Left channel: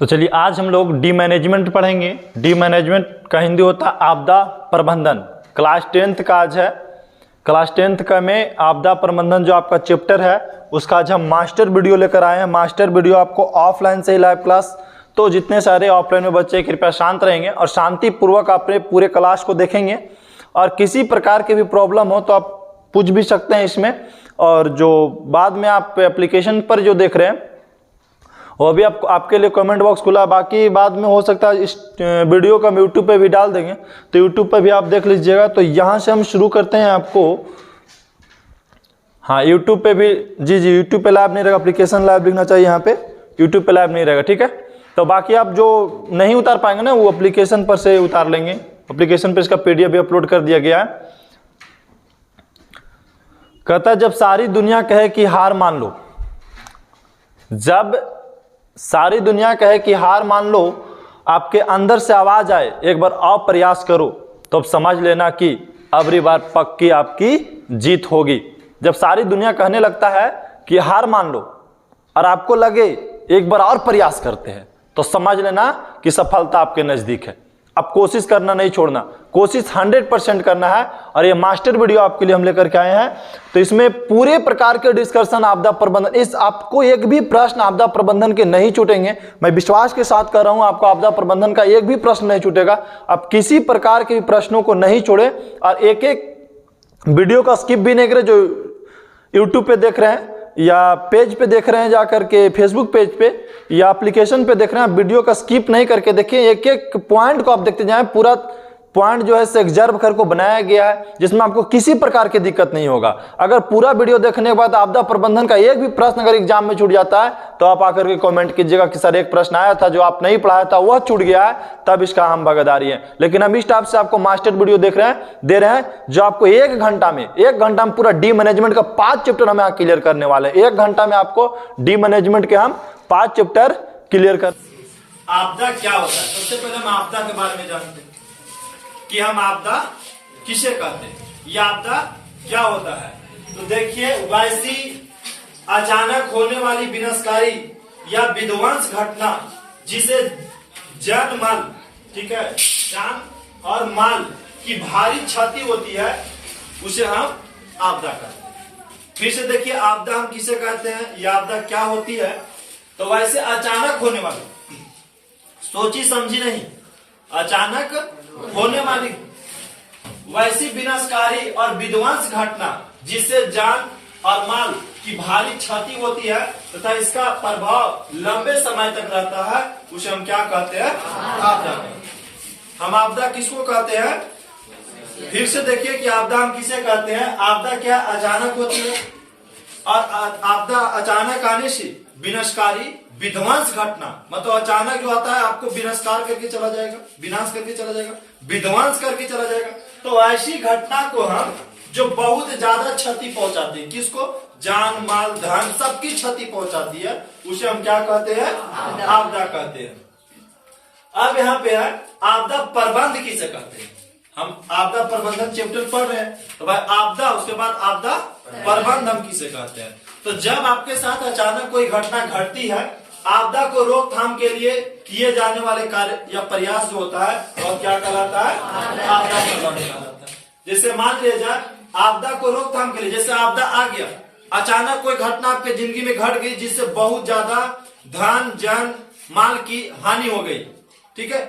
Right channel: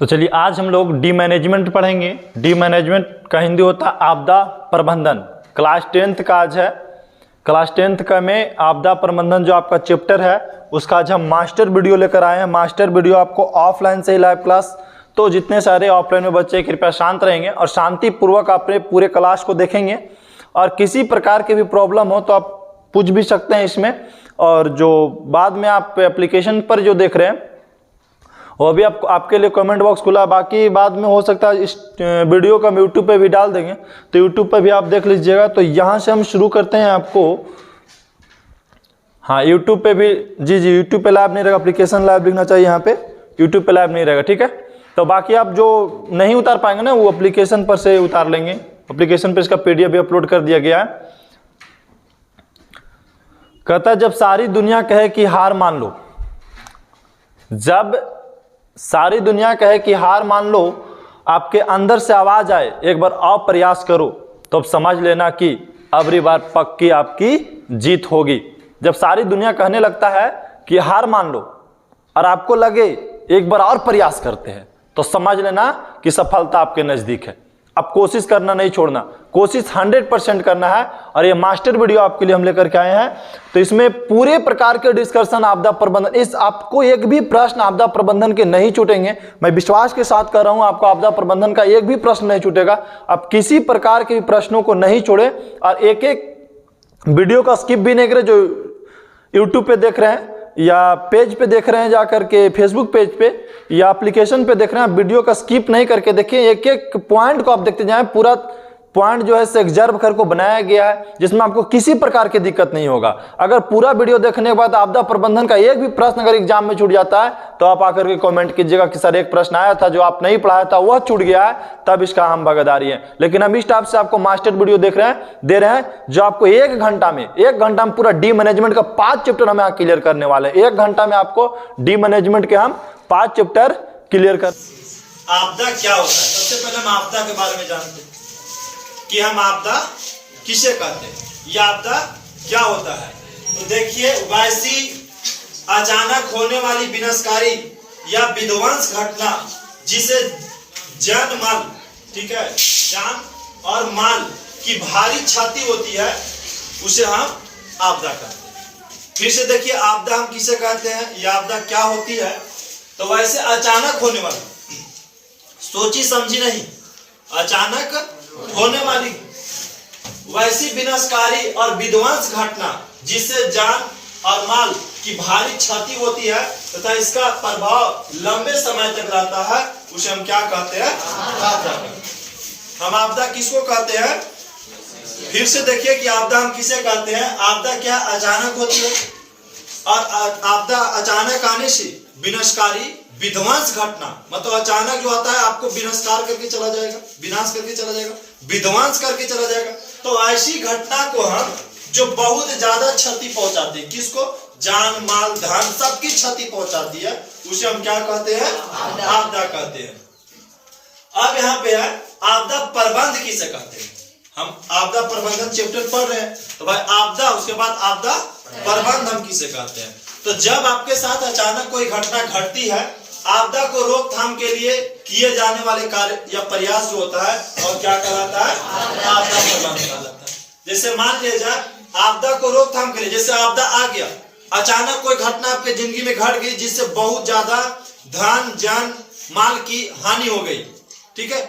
तो चलिए आज हम लोग डी मैनेजमेंट पढ़ेंगे। डी मैनेजमेंट का हिंदी होता है आपदा प्रबंधन। क्लास 10th का आज है। क्लास 10th का में आपदा प्रबंधन जो आपका चैप्टर है उसका आज हम मास्टर वीडियो लेकर आए हैं। मास्टर वीडियो आपको ऑफलाइन से ही लाइव क्लास, तो जितने सारे ऑफलाइन में बच्चे कृपया शांत रहेंगे और शांति पूर्वक अपने पूरे क्लास को देखेंगे। और किसी प्रकार की भी प्रॉब्लम हो तो आप पूछ भी सकते हैं इसमें। और जो बाद में आप एप्लीकेशन पर जो देख रहे हैं वो भी आपके लिए कमेंट बॉक्स खुला है। बाकी बाद में हो सकता है इस वीडियो को हम यूट्यूब पे भी डाल देंगे, तो यूट्यूब पे भी आप देख लीजिएगा। तो यहाँ से हम शुरू करते हैं आपको। हाँ, यूट्यूब पे भी जी यूट्यूब पे लाइव नहीं रहेगा, एप्लीकेशन लाइव लिखना चाहिए यहाँ पे, यूट्यूब पे लाइव नहीं रहेगा, ठीक है। तो बाकी आप जो नहीं उतार पाएंगे ना वो एप्लीकेशन पर से उतार लेंगे। एप्लीकेशन पर इसका PDF भी अपलोड कर दिया गया है। कहता है जब सारी दुनिया कहे कि हार मान लो, जब सारी दुनिया कहे कि हार मान लो, आपके अंदर से आवाज आए एक बार और प्रयास करो, तो अब समझ लेना कि अगली बार पक्की आपकी जीत होगी। जब सारी दुनिया कहने लगता है कि हार मान लो और आपको लगे एक बार और प्रयास करते हैं, तो समझ लेना कि सफलता आपके नजदीक है। अब कोशिश करना नहीं छोड़ना, कोशिश 100% करना है। और ये मास्टर वीडियो आपके लिए हम लेकर के आए हैं। तो इसमें पूरे प्रकार के डिस्कशन आपदा प्रबंधन, इस आपको एक भी प्रश्न आपदा प्रबंधन के नहीं छूटेंगे। मैं विश्वास के साथ कर रहा हूं आपको आपदा प्रबंधन का एक भी प्रश्न नहीं छूटेगा। आप किसी प्रकार के प्रश्नों को नहीं छोड़े और एक एक वीडियो का स्किप भी नहीं करें। जो यूट्यूब पे देख रहे हैं या पेज पे देख रहे हैं जाकर के फेसबुक पेज पे या एप्लीकेशन पे देख रहे हैं, वीडियो का स्किप नहीं करके देखिए। एक एक पॉइंट को आप देखते जाएं। पूरा पॉइंट जो है एक्सर्व कर को बनाया गया है जिसमें आपको किसी प्रकार की दिक्कत नहीं होगा। अगर पूरा वीडियो देखने के बाद आपदा प्रबंधन का एक भी प्रश्न अगर एग्जाम में छूट जाता है तो आप आकर के कमेंट कीजिएगा कि सर एक प्रश्न आया था जो आप नहीं पढ़ाया था वह छूट गया है, तब इसका हम भागीदारी है। लेकिन हम इस टाइप से आपको मास्टर वीडियो दे रहे हैं जो आपको एक घंटा में पूरा डी मैनेजमेंट का 5 चैप्टर हम यहाँ क्लियर करने वाले हैं। 1 घंटा में आपको डी मैनेजमेंट के हम 5 चैप्टर क्लियर कर। आपदा क्या होता है? सबसे पहले हम आपदा के बारे में जानते हैं कि हम आपदा किसे कहते हैं, यह आपदा क्या होता है। तो देखिए, वैसी अचानक होने वाली विनाशकारी या विध्वंस घटना जिसे जान माल, ठीक है, जान और माल की भारी क्षति होती है, उसे हम आपदा कहते हैं। फिर से देखिए, आपदा हम किसे कहते हैं, यह आपदा क्या होती है। तो वैसे अचानक होने वाली, सोची समझी नहीं, अचानक होने वाली वैसी विनाशकारी और विध्वंस घटना जिससे जान और माल की भारी क्षति होती है तथा इसका प्रभाव लंबे समय तक रहता है, उसे हम क्या कहते हैं, आपदा। हम आपदा किसको कहते हैं? फिर से देखिए कि आपदा हम किसे कहते हैं। आपदा क्या अचानक होती है, और आपदा अचानक आने से विनाशकारी विध्वंस घटना, मतलब अचानक जो आता है आपको विनाशकार करके चला जाएगा, विनाश करके चला जाएगा, विध्वंस करके चला जाएगा। तो ऐसी घटना को हम जो बहुत ज्यादा क्षति पहुंचाती है, किसको, जान माल धन सबकी क्षति पहुंचाती है, उसे हम क्या कहते हैं, आपदा कहते हैं। अब यहाँ पे है आपदा प्रबंध किसे कहते हैं। हम आपदा प्रबंधन चैप्टर पढ़ रहे हैं, तो भाई आपदा, उसके बाद आपदा प्रबंध हम किसे कहते हैं। तो जब आपके साथ अचानक कोई घटना घटती है, आपदा को रोकथाम के लिए किए जाने वाले कार्य या प्रयास जो होता है और क्या कहलाता है, आपदा प्रबंध कहलाता है। जैसे मान लिया जाए आपदा को रोकथाम के लिए, जैसे आपदा आ गया, अचानक कोई घटना आपके जिंदगी में घट गई जिससे बहुत ज्यादा धन जन माल की हानि हो गई, ठीक है,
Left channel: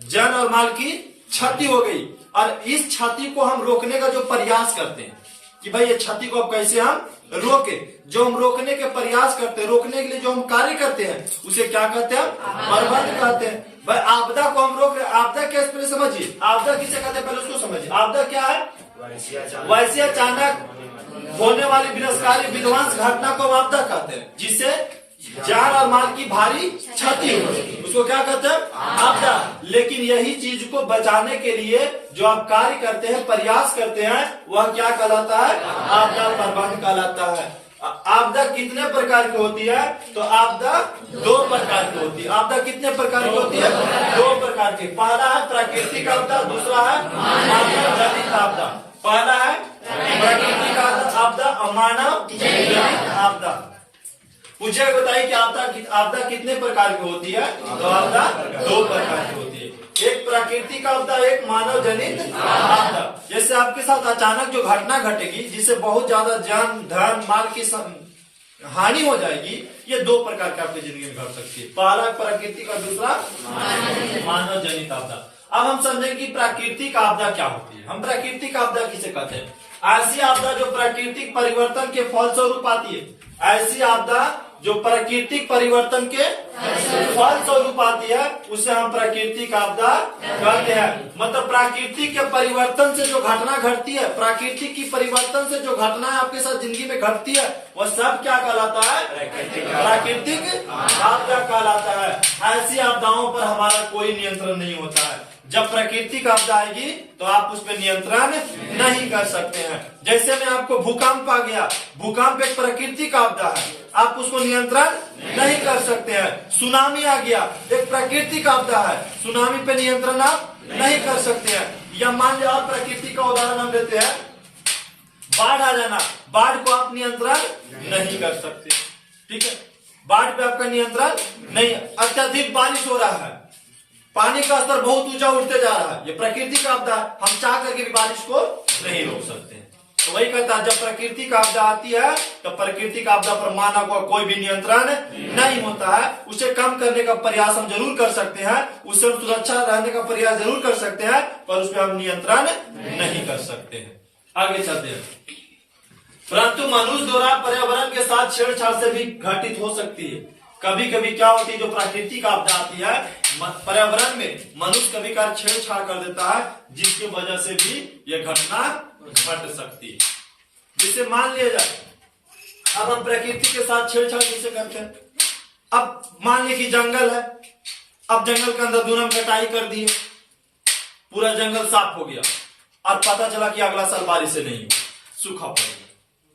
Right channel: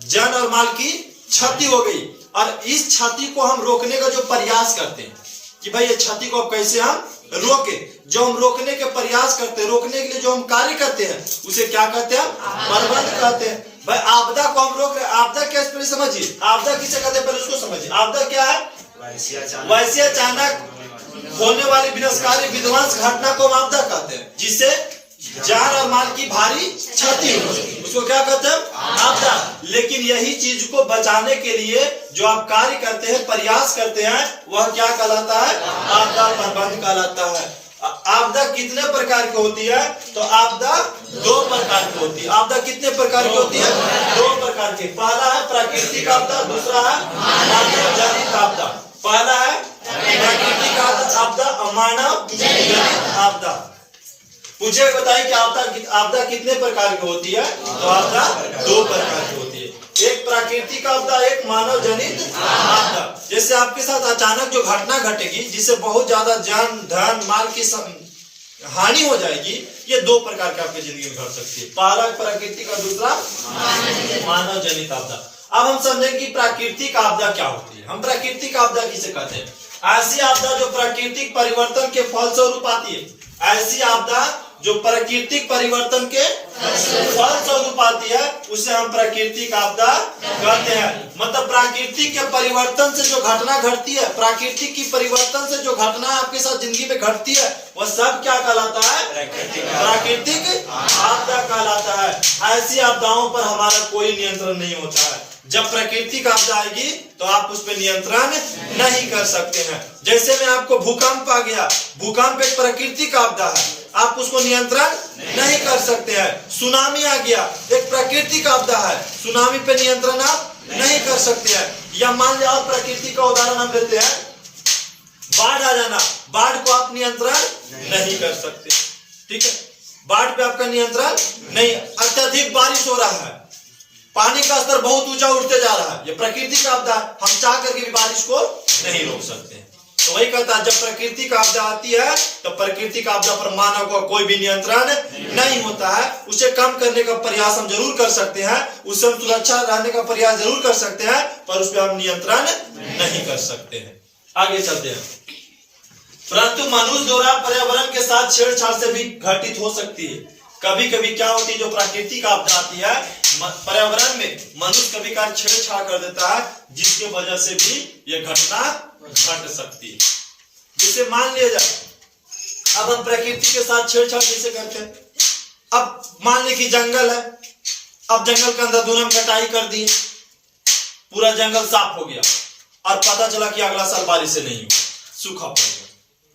जन और माल की क्षति हो गई। और इस क्षति को हम रोकने का जो प्रयास करते हैं कि भाई ये क्षति को अब कैसे हम रोके, जो हम रोकने के प्रयास करते हैं, रोकने के लिए जो हम कार्य करते हैं, उसे क्या कहते हैं, प्रबंध कहते हैं। भाई आपदा को हम रोक रहे, आपदा क्या, पहले समझिए आपदा किसे कहते हैं, पहले उसको समझिए। आपदा क्या है, वैसे अचानक होने वाली विनाशकारी विध्वंस घटना को हम आपदा कहते हैं जिससे जान और माल की भारी क्षति हो, उसको क्या कहते हैं, आपदा। लेकिन यही चीज को बचाने के लिए जो आप कार्य करते हैं, प्रयास करते हैं, वह क्या कहलाता है, आपदा प्रबंध कहलाता है। आपदा कितने प्रकार की होती है? तो आपदा 2 प्रकार की होती है। आपदा कितने प्रकार की होती है? 2 प्रकार की। पहला है प्राकृतिक आपदा, दूसरा है मानव जनित आपदा। पहला है प्राकृतिक आपदा और मानव जनित आपदा। पूछे बताइए कि आपदा कितने प्रकार की होती है? तो आपदा 2 प्रकार की होती है, एक प्राकृतिक आपदा, एक मानव जनित आपदा। जैसे आपके साथ अचानक जो घटना घटेगी जिससे बहुत ज्यादा जान धन माल की हानि हो जाएगी, ये 2 प्रकार के आपकी जिंदगी में घट सकती है, पहला प्राकृतिक और दूसरा मानव जनित आपदा। अब हम समझेंगे कि प्राकृतिक आपदा क्या होती है। हम प्राकृतिक आपदा किसे कहते हैं? ऐसी आपदा जो प्राकृतिक परिवर्तन के फलस्वरूप आती है, ऐसी आपदा जो प्राकृतिक परिवर्तन के फलस्वरूप आती है, उसे हम प्राकृतिक आपदा कहते हैं। मतलब प्राकृतिक के परिवर्तन से जो घटना घटती है, प्राकृतिक की परिवर्तन से जो घटना आपके साथ जिंदगी में घटती है, वह सब क्या कहलाता है? प्राकृतिक आपदा कहलाता है। ऐसी आपदाओं पर हमारा कोई नियंत्रण नहीं होता है। जब प्राकृतिक आपदा आएगी तो आप उस पर नियंत्रण नहीं कर सकते हैं। जैसे में आपको भूकंप आ गया, भूकंप एक प्राकृतिक आपदा है, आप उसको नियंत्रण नहीं कर सकते हैं। सुनामी आ गया, एक प्राकृतिक आपदा है, सुनामी पे नियंत्रण आप नहीं कर सकते हैं। या मान लिया और प्राकृतिक का उदाहरण हम लेते हैं, बाढ़ आ जाना, बाढ़ को आप नियंत्रण नहीं कर सकते, ठीक है, बाढ़ पे आपका नियंत्रण नहीं। अत्यधिक बारिश हो रहा है, पानी का स्तर बहुत ऊंचा उठते जा रहा है, ये प्राकृतिक आपदा, हम चाह करके भी बारिश को नहीं रोक सकते हैं। तो वही कहता है, जब प्राकृतिक आपदा आती है तो प्राकृतिक आपदा पर मानव का कोई भी नियंत्रण नहीं होता है। उसे कम करने का प्रयास हम जरूर कर सकते हैं, उससे हम सुरक्षा रहने का प्रयास जरूर कर सकते हैं, पर उस पर हम नियंत्रण नहीं कर सकते हैं। आगे चलते हैं। परंतु मनुष्य द्वारा पर्यावरण के साथ छेड़छाड़ से भी घटित हो सकती है। कभी कभी क्या होती है, जो प्राकृतिक आपदा आती है पर्यावरण में, मनुष्य कभी कभार छेड़छाड़ कर देता है, जिसकी वजह से भी यह घटना घट सकती है। जिसे मान लिया जाए, अब हम प्रकृति के साथ छेड़छाड़ कैसे करते हैं? अब मान ली कि जंगल है, अब जंगल के अंदर दूर हम कटाई कर दिए, पूरा जंगल साफ हो गया और पता चला कि अगला साल बारिश से नहीं हुआ, सूखा पड़ गया,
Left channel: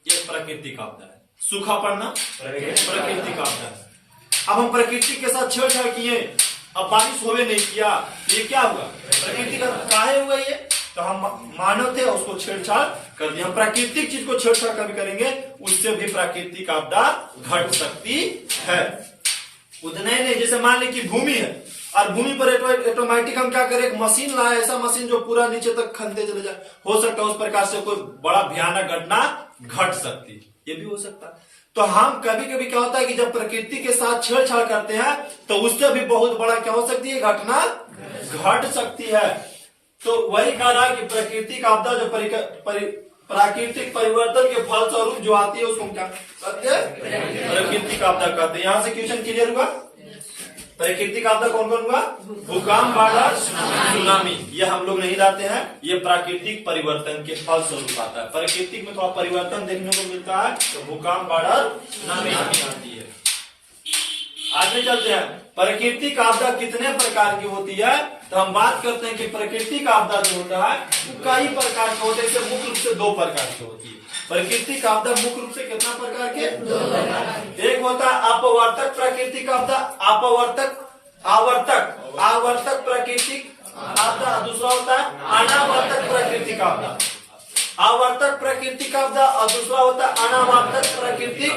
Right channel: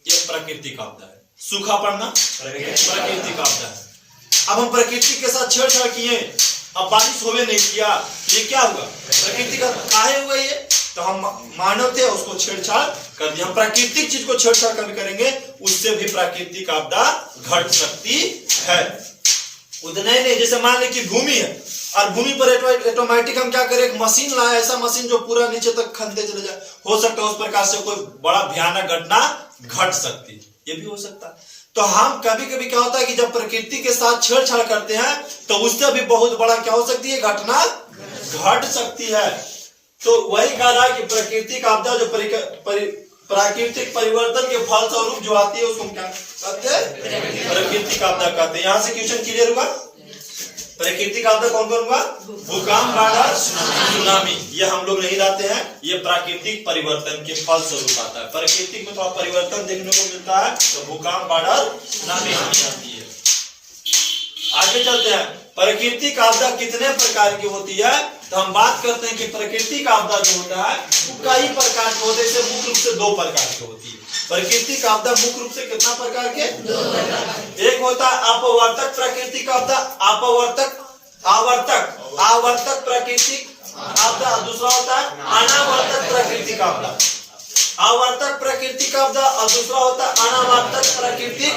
यह प्राकृतिक आपदा है। सूखा पड़ना प्राकृतिक आपदा है। अब हम प्रकृति के साथ छेड़छाड़ किए, अब बारिश होवे नहीं किया, ये क्या होगा? प्रकृति का काहे हुआ ये? तो हम मानव थे, उसको छेड़छाड़ कर दिया। हम प्राकृतिक चीज को छेड़छाड़ कभी करेंगे, उससे भी प्राकृतिक आपदा घट सकती है। उतने नहीं, जैसे मान ले कि भूमि है और भूमि पर ऑटोमेटिक हम क्या करें, एक मशीन लाए, ऐसा मशीन जो पूरा नीचे तक खनते चले जाए, हो सकता है उस प्रकार से कोई बड़ा भयानक घटना घट सकती, ये भी हो सकता है। तो हम कभी कभी क्या होता है कि जब प्रकृति के साथ छेड़छाड़ करते हैं तो उससे भी बहुत बड़ा क्या हो सकती है, घटना घट सकती है। तो वही कह रहा है कि प्राकृतिक आपदा जो प्राकृतिक परिवर्तन के फलस्वरूप जो आती है उसको क्या कहते हैं? प्राकृतिक आपदा कहते हैं। यहां से क्वेश्चन क्लियर हुआ? प्राकृतिक आपदा कौन कौन हुआ? भूकंप, बाढ़, सुनामी, ये हम लोग नहीं रहते हैं, ये प्राकृतिक परिवर्तन के फलस्वरूप आता है। प्राकृतिक में तो आप परिवर्तन देखने को मिलता है, तो भूकंप, बाढ़, सुनामी आती है। आगे चलते हैं, प्राकृतिक आपदा कितने प्रकार की होती है? तो हम बात करते हैं कि प्राकृतिक आपदा जो होता है वो कई प्रकार के होते हैं, मुख्य रूप से 2 प्रकार की होती है। प्राकृतिक आपदा मुख्य रूप से कितना प्रकार के? 2 प्रकार। एक होता है अपवर्तक प्राकृतिक आपदा, आवर्तक प्राकृतिक आपदा, दूसरा होता है अनावर्तक प्राकृतिक आपदा। आवर्तक प्राकृतिक आपदा और दूसरा होता है अनावर्तक प्राकृतिक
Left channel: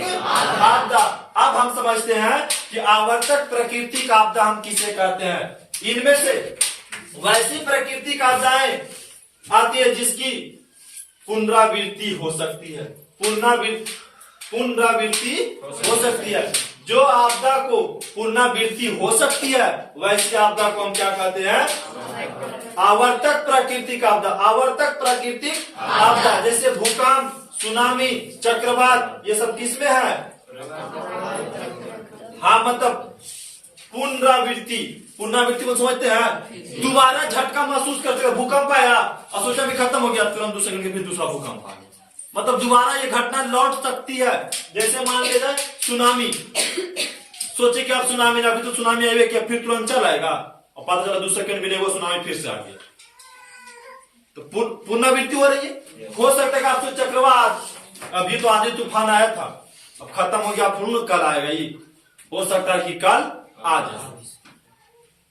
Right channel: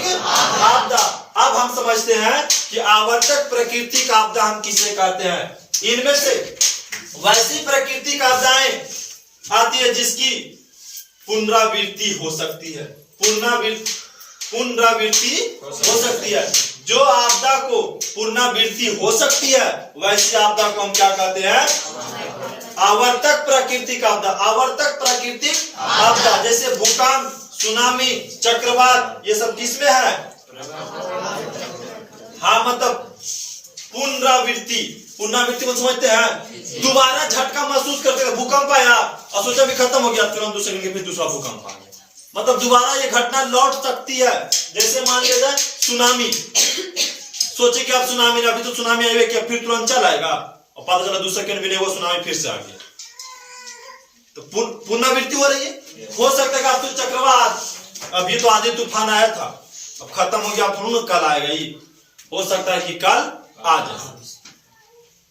आपदा। अब हम समझते हैं कि आवर्तक प्राकृतिक आपदा हम किसे कहते हैं। इनमें से वैसी प्राकृतिक आपदाएं आती है जिसकी पुनरावृत्ति हो सकती है, पुनरावृत्ति हो सकती है। जो आपदा को पुनरावृत्ति हो सकती है वैसी आपदा को हम क्या कहते हैं? आवर्तक प्राकृतिक आपदा। आवर्तक प्राकृतिक आपदा जैसे भूकंप, सुनामी, चक्रवात, ये सब किसमें है? हाँ, मतलब पुनरावृत्ति को समझते हैं, दोबारा झटका महसूस करते हैं। भूकंप आया और सोचा भी खत्म हो गया, तुरंत 2 सेकंड के फिर दूसरा भूकंप आ गया, मतलब दोबारा ये घटना लौट सकती है। जैसे मान लीजिए सुनामी, सोचे कि आप सुनामी ना, अभी तो सुनामी आई क्या, फिर तुरंत चल आएगा और पता चला 2 सेकंड भी नहीं हुआ, सुनामी फिर से आ गया, तो पुनरावृत्ति हो रही है। हो सकता है कि आप तो चक्रवात, अभी तो आंधी तूफान आया था, अब खत्म हो गया, तुरंत कल आएगा, ये हो सकता है कि कल आ जाए।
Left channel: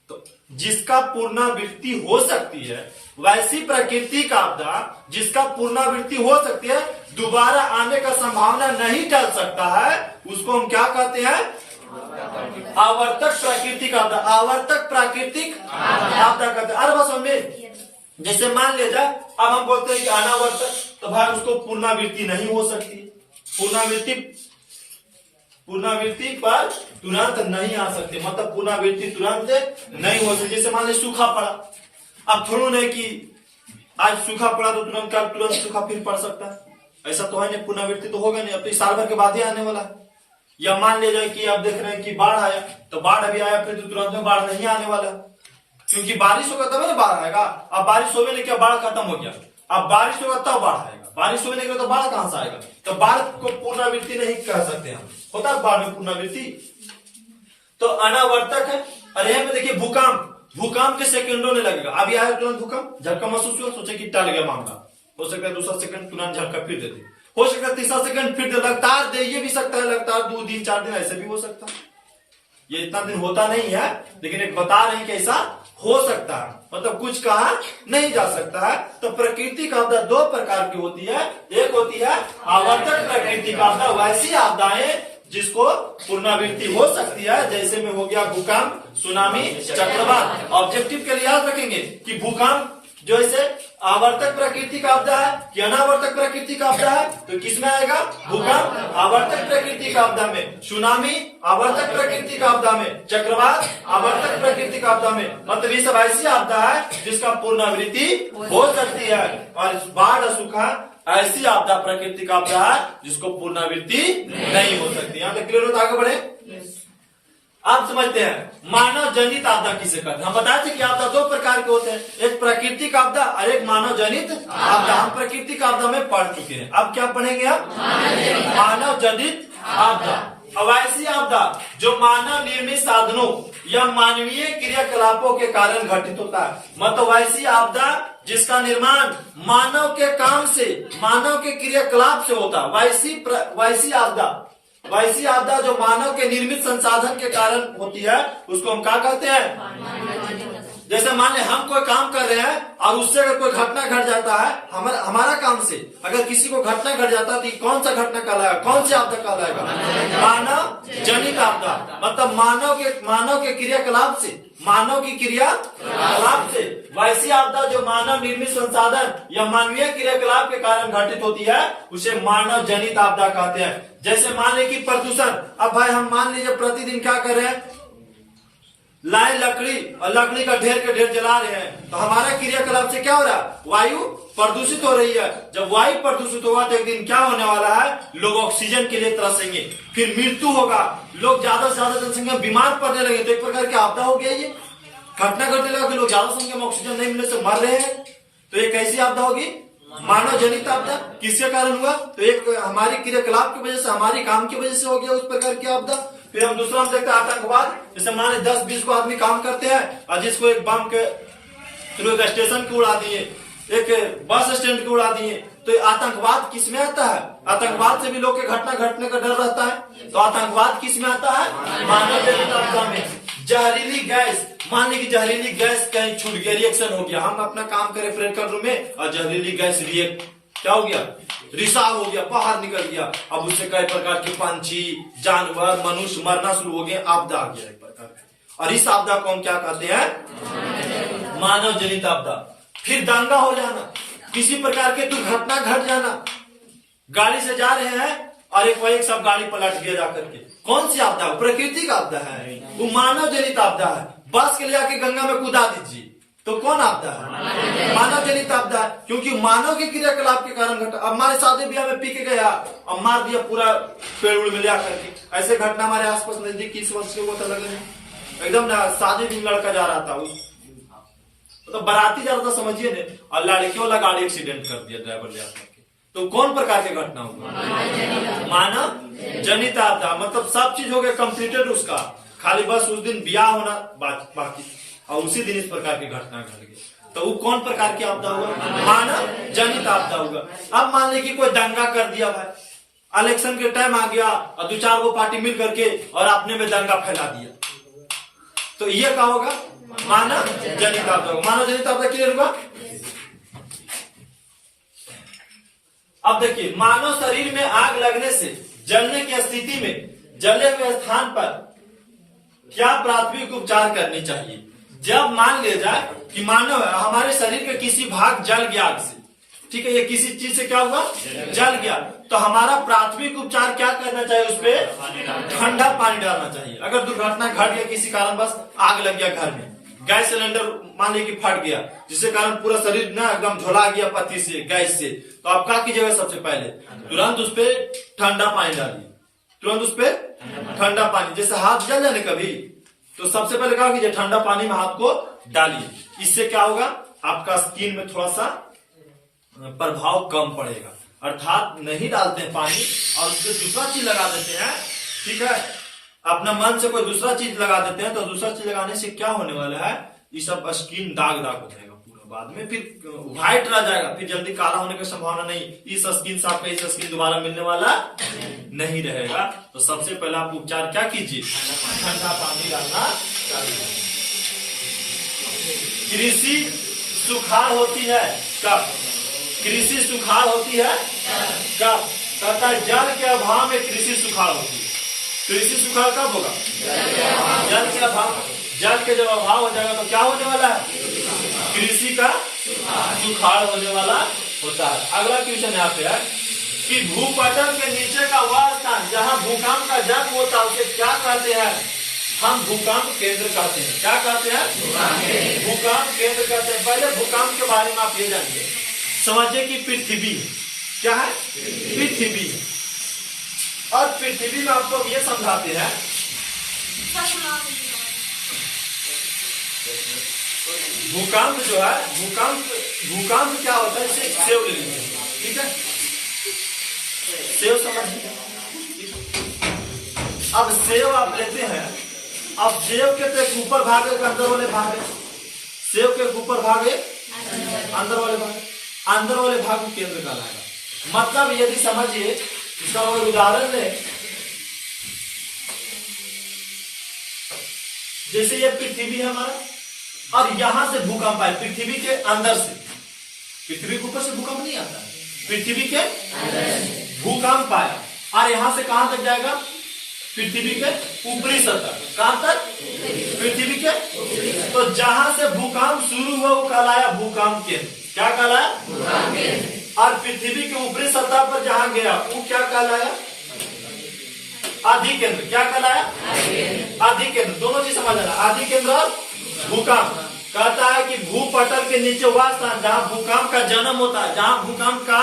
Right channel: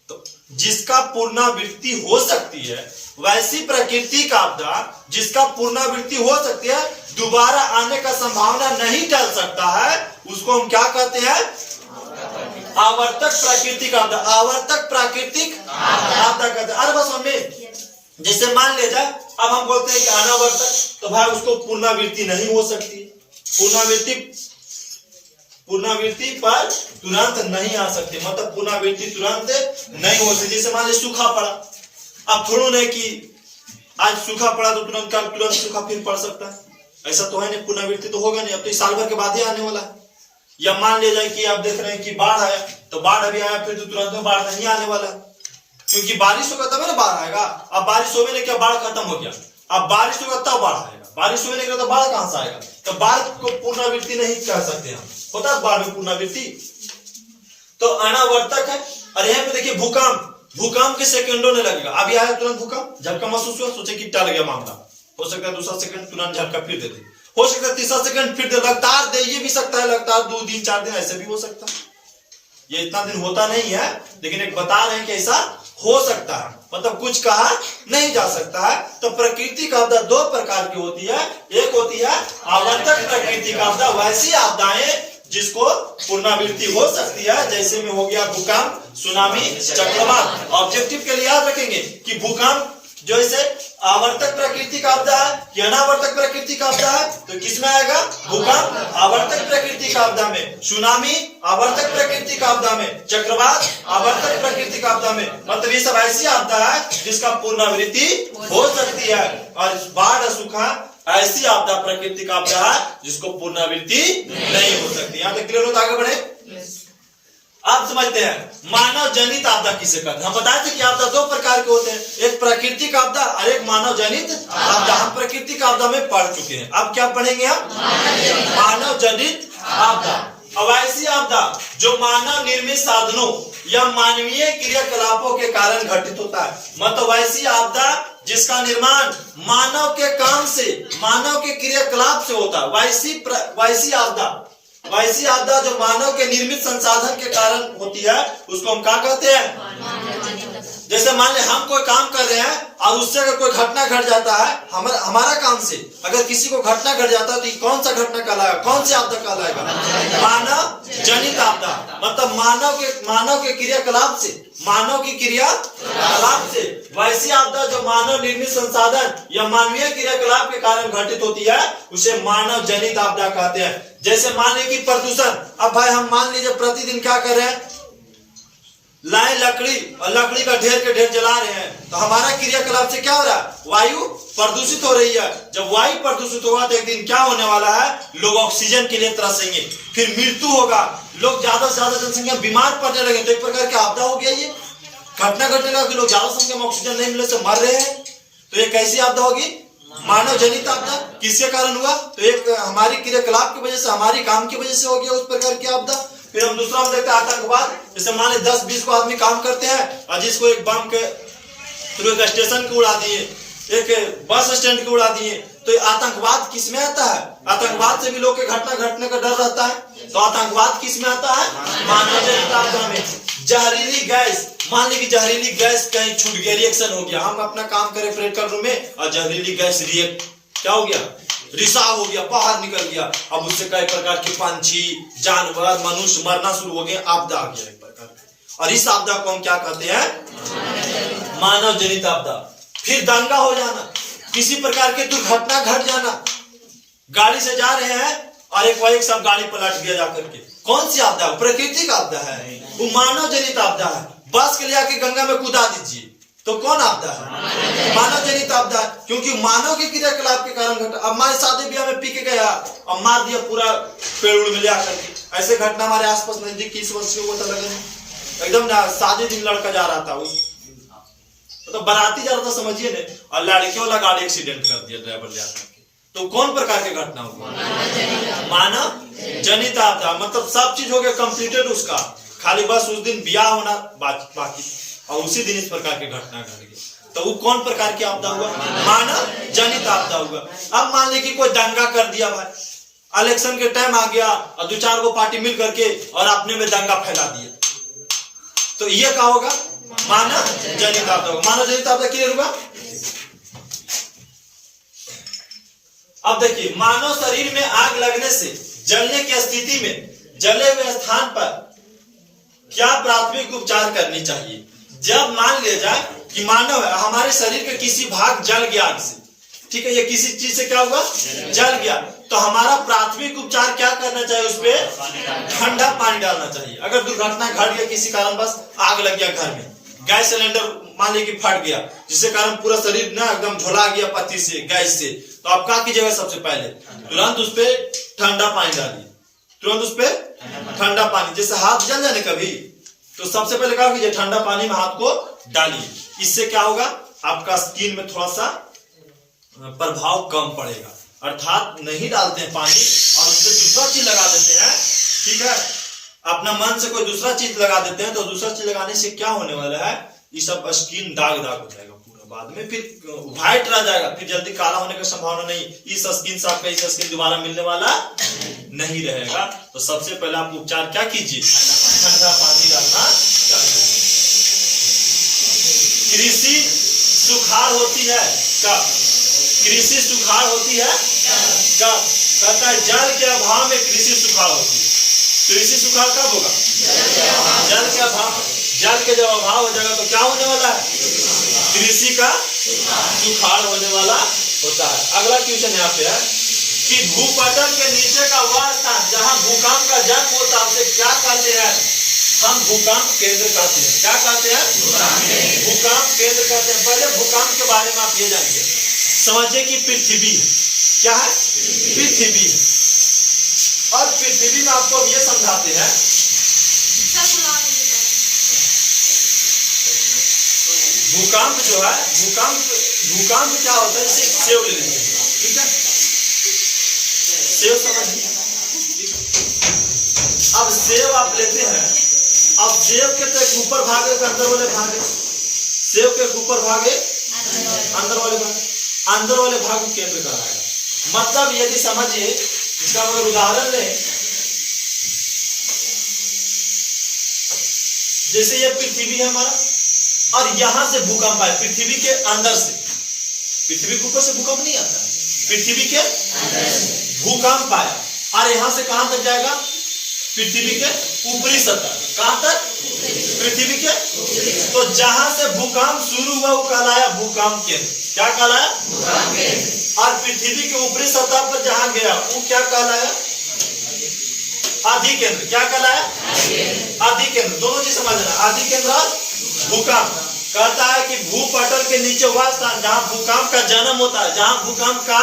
तो जिसका पुनरावृत्ति हो सकती है वैसी प्राकृतिक आपदा जिसका पुनरावृत्ति हो सकती है, दोबारा आने का संभावना नहीं टल सकता है, उसको हम क्या कहते हैं? आवर्तक प्राकृतिक आपदा। आवर्तक प्राकृतिक आपदा कहते हैं। अरे बस हमें जैसे मान ले जाए, अब हम बोलते हैं कि अनावर्तक, तो भाई उसको पुनरावृत्ति नहीं हो सकती। पुनरावृत्ति पर तुरंत नहीं आ सकती, मतलब पुनरावृत्ति तुरंत नहीं हो सकती। जैसे मान ले सूखा पड़ा, अब थोड़ा नहीं कि आज सूखा पड़ा तो तुरंत सूखा फिर पड़ सकता है, ऐसा तो है नहीं, पुनरावृत्ति तो होगा नहीं, अब तो साल भर के बाद ही आने वाला है। या मान ले जाए कि आप देख रहे हैं कि बाढ़ आया, तो बाढ़ अभी आया फिर तो तुरंत में बाढ़ नहीं आने वाला, क्योंकि बारिश होगा तब ना बाढ़ आएगा। अब बारिश होने नहीं क्या, बाढ़ खत्म हो गया, अब बारिश होगा तब बाढ़ आएगा, बारिश होने नहीं तो बाढ़ कहां से आएगा? तो बाढ़ को पुनरावृत्ति नहीं कह सकते हम, होता है बाढ़ में पुनरावृत्ति, तो अनावर्तक है। और यहाँ पे देखिए भूकंप के सेकंडों ने लगेगा, अभी आया तुरंत भूकंप, झटका महसूस हुआ, सोचे कि टल गया मामला, हो सकता है दूसरा सेकंड तुरंत झटका फिर दे दे, हो सकता है तीसरा सेकंड फिर दे, लगातार दे, ये भी सकता है लगातार 2 दिन 4 दिन ऐसे भी हो सकता है। ये इतना दिन होता नहीं है, लेकिन एक बता रहे हैं कि ऐसा हो सकता है, मतलब कुछ कहा नहीं जा सकता है। तो प्राकृतिक आपदा 2 प्रकार की होती है, एक होती है आवर्तक प्राकृतिक आपदा, वैसी आपदाएं जिसको पुनरावृत्ति हो सकती है, जैसे में हो गया भूकंप, सुनामी, चक्रवात। ऑब्जेक्टिव के लिए याद रखेंगे कि भूकंप जो इसे आवर्तक प्राकृतिक आपदा है कि अनावर्तक प्राकृतिक आपदा है, तो किसमें आएगा? भूकंप आवर्तक प्राकृतिक आपदा में, सुनामी आवर्तक प्राकृतिक आपदा में, चक्रवात आवर्तक प्राकृतिक आपदा में। मतलब ये सब ऐसी आपदा है जिसका पुनरावृत्ति हो सकती है, और बाढ़ सूखा ऐसी आपदा प्राकृतिक आपदा है जिसको पुनरावृत्ति नहीं हो सकती। यहाँ तक क्लियर हो तो आगे बढ़े। आप समझते हैं मानव जनित आपदा किसे कहते हैं? हम बताए थे कि आपदा 2 प्रकार के होते हैं, एक प्राकृतिक आपदा और एक मानव जनित आपदा। हम प्राकृतिक आपदा में पढ़ चुके हैं, अब क्या पढ़ेंगे हम? मानव जनित आपदा। अब ऐसी आपदा जो मानव निर्मित साधनों या मानवीय क्रियाकलापों के कारण घटित होता है, मतलब ऐसी आपदा जिसका निर्माण मानव के काम से, मानव के क्रियाकलाप से होता है, वैसी आपदा जो मानव के निर्मित संसाधन के कारण होती है, उसको हम क्या कहते हैं? जैसे मान ले हम कोई काम कर रहे हैं और उससे अगर कोई घटना घट जाता है, हमारा काम से अगर किसी को घटना घट जाता है, तो कौन सा घटना कहलाएगा, कौन सी आपदा कहलाएगा? मानव जनित आपदा। मतलब मानव के क्रियाकलाप से, मानव की क्रियाकलाप से वैसी आपदा जो मानव निर्मित संसाधन या मानवीय क्रियाकलाप के कारण घटित होती है, उसे मानव जनित आपदा कहते हैं। जैसे मान लीजिए प्रदूषण, अब भाई हम मान लीजिए प्रतिदिन क्या कर रहे हैं, लाए लकड़ी और लकड़ी का ढेर के ढेर जला रहे हैं, तो हमारा क्रियाकलाप से क्या हो रहा है? वायु प्रदूषित हो रही है। जब वायु प्रदूषित होगा तो एक दिन क्या होने वाला है? लोग ऑक्सीजन के लिए तरसेंगे, फिर मृत्यु होगा, लोग ज्यादा से ज्यादा जनसंख्या बीमार पड़ने लगे, तो एक प्रकार की आपदा हो गया। ये घटना घटने लगा कि लोग ज्यादा संख्या में ऑक्सीजन नहीं मिलने से मर रहे हैं, तो ये कैसी आपदा होगी? मानव जनित आपदा। किसके कारण हुआ? तो एक हमारी क्रियाकलाप की वजह से, हमारी काम की वजह से हो गया उस प्रकार की आपदा। फिर हम दूसरा हम देखते हैं आतंकवाद। जैसे मान ली 10-20 को आदमी काम करते हैं और जिसको एक बम के थ्रू एक स्टेशन को उड़ा दिए, एक बस स्टैंड को उड़ा दिए, तो आतंकवाद किस में आता है? आतंकवाद से भी लोग के घटना घटने का डर रहता है, तो आतंकवाद किस में आता है? मानव जनित आपदा में। जहरीली गैस, मान ली कि जहरीली गैस कहीं छूट गया, रिएक्शन हो गया, हम अपना काम करें प्रैक्टिकल रूम में और जहरीली गैस रिएक्ट क्या हो गया? रिसाव हो गया, बाहर निकल गया, अब उससे कई प्रकार के पंछी, जानवर, मनुष्य मरना शुरू हो गए, आपदा आ गया एक प्रकार की। और इस आपदा को हम क्या कहते हैं? मानव जनित आपदा। फिर दंगा हो जाना, किसी प्रकार के दुर्घटना घट जाना, गाड़ी से जा रहे हैं और एक सब गाड़ी पलट गया जाकर के, कौन सी आपदा? प्राकृतिक आपदा है, वो मानव जनित आपदा है। बस के लिए आके गंगा में कूदा दीजिए, तो कौन आपदा है? मानव जनित आपदा है, क्योंकि मानव के क्रियाकलाप के कारण घटा। अब हमारे शादी ब्याह में पी के गया और मार दिया पूरा पेड़ उड़ मिला करके, ऐसे घटना हमारे आसपास नजदीक 20 वर्ष के हुआ था, लगे एकदम शादी दिन लड़का जा रहा था, उस तो बाराती जा रहा था समझिए ने, और लड़के वाला गाड़ी एक्सीडेंट कर दिया ड्राइवर ले आकर के, तो कौन प्रकार के घटना हुआ? मानव जनित आपदा। मतलब सब चीज हो गया कंप्लीटेड उसका, खाली बस उस दिन ब्याह होना बाकी, और उसी दिन इस प्रकार की घटना घट गई, तो वो कौन प्रकार की आपदा हुआ? मानव जनित आपदा हुआ। अब मान लीजिए कि कोई दंगा कर दिया भाई, इलेक्शन के टाइम आ गया और 2-4 गो पार्टी मिल करके और अपने में दंगा फैला दिया, तो ये क्या होगा? मानव जनित आपदा होगा। मानव जनित आपदा क्लियर हुआ? अब देखिए, मानव शरीर में आग लगने से जलने की स्थिति में जले हुए स्थान पर क्या प्राथमिक उपचार करनी चाहिए? जब मान लिया जाए कि मानव है, हमारे शरीर के किसी भाग जल गया आग से, ठीक है, ये किसी चीज से क्या हुआ, जल गया, तो हमारा प्राथमिक उपचार क्या करना चाहिए? उस पर ठंडा पानी डालना चाहिए। अगर दुर्घटना घट गया, किसी कारण बस आग लग गया घर में, गैस सिलेंडर मान लीजिए कि फट गया, जिसके कारण पूरा शरीर ना एकदम झुला गया पत्ती से, गैस से, तो आप क्या कीजिएगा? सबसे पहले तुरंत उस पर ठंडा पानी डालिए, तुरंत उस पर ठंडा पानी, जैसे हाथ जल जाने कभी, तो सबसे पहले क्या कीजिए? ठंडा पानी में हाथ को डालिए। इससे क्या होगा? आपका स्किन में थोड़ा सा प्रभाव कम पड़ेगा। अर्थात नहीं डालते हैं पानी और उससे दूसरा चीज लगा देते हैं, ठीक है, अपना मन से कोई दूसरा चीज लगा देते हैं, तो दूसरा चीज लगाने से क्या होने वाला है? ये सब स्किन दाग दाग हो जाएगा पूरा, बाद में फिर व्हाइट रह जाएगा, फिर जल्दी काला होने की संभावना नहीं। इस स्किन से आपका इस स्किन दोबारा मिलने वाला नहीं रहेगा। तो सबसे पहले आप उपचार क्या कीजिए? ठंडा पानी डालना चाहिए। कृषि सुखाड़ होती है कब? कृषि सुखाड़ होती है कब? कहता है जल के अभाव में कृषि सुखाड़ होती है। कृषि सुखाड़ कब होगा? जल के अभाव। जल के जब अभाव हो जाएगा तो क्या होने वाला है? कृषि का सुखाड़ होने वाला होता है। अगला क्वेश्चन यहाँ पे है कि भूपटल के नीचे का वह स्थान जहाँ भूकंप का जन्म होता है उसे क्या कहते हैं? हम भूकंप केंद्र कहते हैं। क्या कहते हैं? भूकंप केंद्र कहते हैं। पहले भूकंप के बारे में आप ये जानिए, समझिए कि पृथ्वी है, क्या है? पृथ्वी है, और पृथ्वी में आपको ये समझाते हैं, भूकंप जो है, भूकंप क्या होता है? इसे एक सेव ले लीजिए, ठीक है, सेव समझिए। अब सेव आप लेते हैं, अब सेव के तो ऊपर भाग है, अंदर वाले भाग है, सेव के ऊपर भाग है, अंदर वाले भाग, अंदर वाले भाग को केंद्र कहलाएगा। मतलब यदि समझिए, इसका उदाहरण ले, जैसे ये पृथ्वी है हमारा, और यहां से भूकंप आए पृथ्वी के अंदर से, पृथ्वी के ऊपर से भूकंप नहीं आता है, पृथ्वी के भूकंप आया, और यहां से कहां तक जाएगा? पृथ्वी के ऊपरी सतह। कहां तक? पृथ्वी के। तो जहां से भूकंप शुरू हुआ वो कहलाया भूकंप केंद्र। क्या कहलाया? भूकंप केंद्र। और पृथ्वी के ऊपरी सतह पर जहां गया वो क्या कहलाया? आदि केंद्र। क्या कहलाया? आदि केंद्र। दोनों चीज समझ लेना, आदि केंद्र और भूकंप। कहता है कि भूपटल के नीचे वह स्थान जहां भूकंप का जन्म होता है, जहां भूकंप का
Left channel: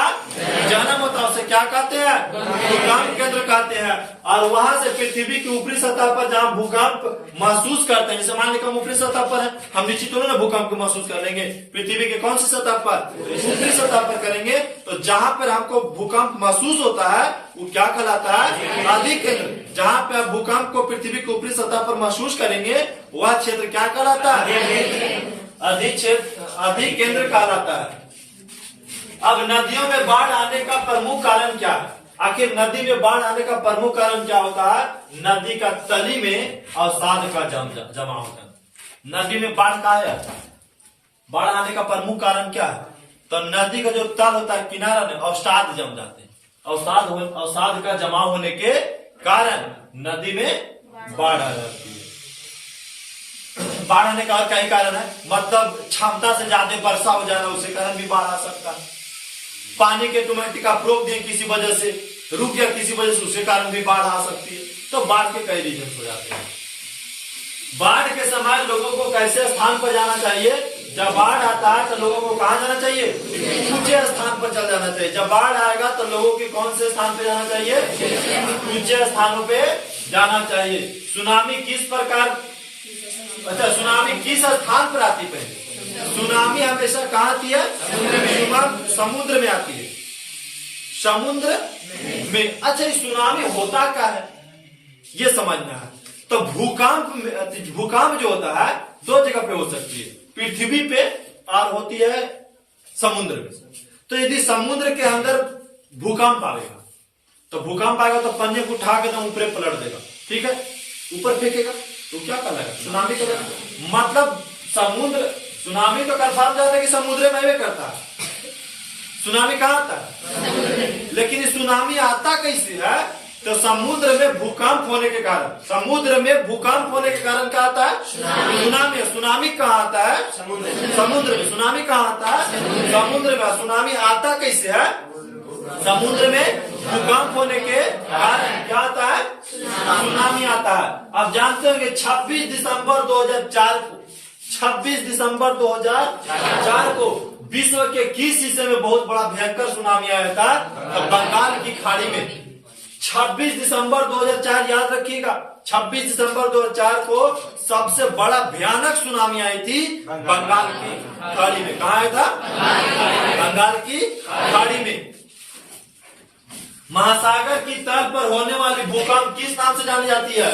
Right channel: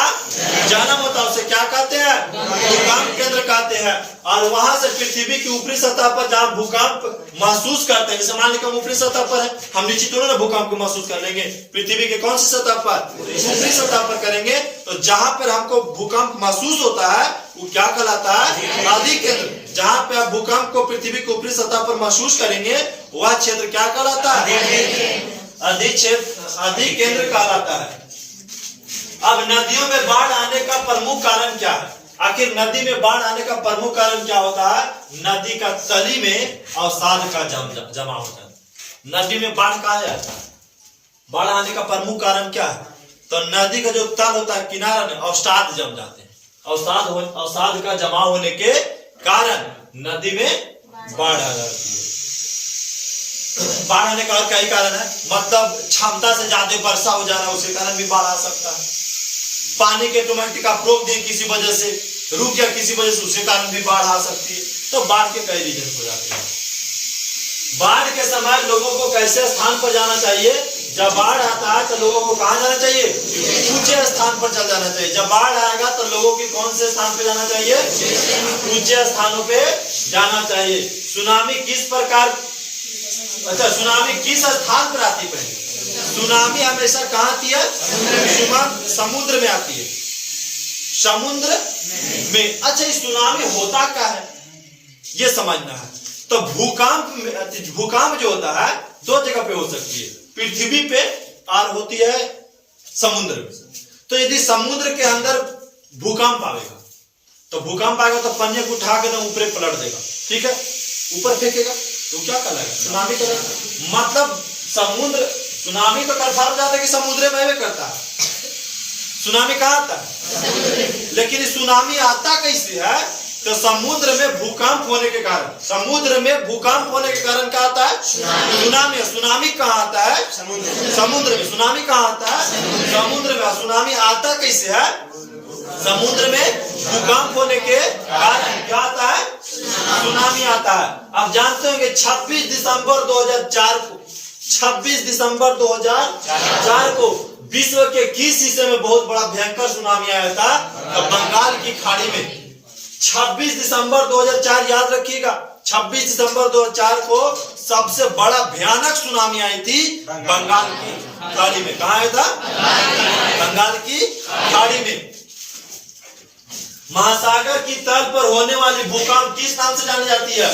जन्म होता है उसे क्या कहते हैं? भूकंप केंद्र कहते हैं। और वहां से पृथ्वी की ऊपरी सतह पर जहां भूकंप महसूस करते हैं, जैसे मान लीजिए हम ऊपरी सतह पर है, हम नीचे तो ना भूकंप को महसूस कर लेंगे, पृथ्वी के कौन सी सतह पर? ऊपरी सतह पर करेंगे। तो जहां पर हमको भूकंप महसूस होता है वो क्या कहलाता है? आदि केंद्र। जहां पे आप भूकंप को पृथ्वी के ऊपरी सतह पर महसूस करेंगे वह क्षेत्र क्या कहलाता है? आदि क्षेत्र, आदि केंद्र कहलाता है। अब नदियों में बाढ़ आने का प्रमुख कारण क्या है? आखिर नदी में बाढ़ आने का प्रमुख कारण क्या होता है? नदी का तली में अवसाद का जमा होता है। नदी में बाढ़ कहा जाता है? बाढ़ आने का प्रमुख कारण क्या है? तो नदी का जो तल होता है, किनारा में अवसाद जम जाते हैं। अवसाद का जमा होने के कारण नदी में बाढ़ आ जाती है। बाढ़ आने का और कई कारण है, मतलब क्षमता से ज्यादा वर्षा हो जाना, उसके कारण भी बाढ़ आ सकता है। पानी के ऑटोमेटिक आप रोक दें, किसी वजह से रुक गया, किसी वजह से उसके कारण भी बाढ़ आ सकती है। तो बाढ़ के कई रीजन हो जाते हैं। बाढ़ के समय लोगों को कैसे स्थान पर जाना चाहिए? जब बाढ़ आता है तो लोगों को कहां जाना चाहिए? ऊंचे स्थान पर चल जाना चाहिए। जब बाढ़ आएगा तो लोगों के कौन से स्थान पे जाना चाहिए? ऊंचे स्थानों पे जाना चाहिए। सुनामी किस प्रकार, अच्छा सुनामी किस स्थान पर आती है? सुनामी हमेशा कहां आती है? समुद्र में आती है, समुद्र में। अच्छा इस सुनामी होता क्या है ये समझना है। तो भूकंप जो होता है दो जगह पे हो सकती है, पृथ्वी पे और होती है समुद्र में। तो यदि समुद्र के अंदर भूकंप आएगा तो भूकंप आएगा तो पन्ने को उठा के एकदम ऊपर पलट देगा, ठीक है, ऊपर फेंकेगा, तो क्या कहलाएगा? सुनामी करेगा। मतलब समुद्र, सुनामी तो कंफर्म जाता है कि समुद्र में करता है, सुनामी कहाँ आता है? लेकिन ये सुनामी आता कैसे है? तो समुद्र में भूकंप होने के कारण, समुद्र में भूकंप होने के कारण क्या आता है? सुनामी। सुनामी कहाँ आता है? समुद्र में। सुनामी कहाँ आता है? समुद्र में। सुनामी आता कैसे है? समुद्र में भूकंप होने के कारण क्या आता है? सुनामी आता है। आप जानते होंगे 26 दिसंबर 2004 को, 26 दिसंबर 2004 को विश्व के किस हिस्से में बहुत बड़ा भयंकर सुनामी आया था? तो बंगाल की खाड़ी में। 26 दिसंबर 2004 याद रखिएगा, 26 दिसंबर 2004 को सबसे बड़ा भयानक सुनामी आई थी बंगाल की खाड़ी में। कहाँ आया था? बंगाल की खाड़ी में। महासागर की तल पर होने वाली भूकंप किस नाम से जानी जाती है?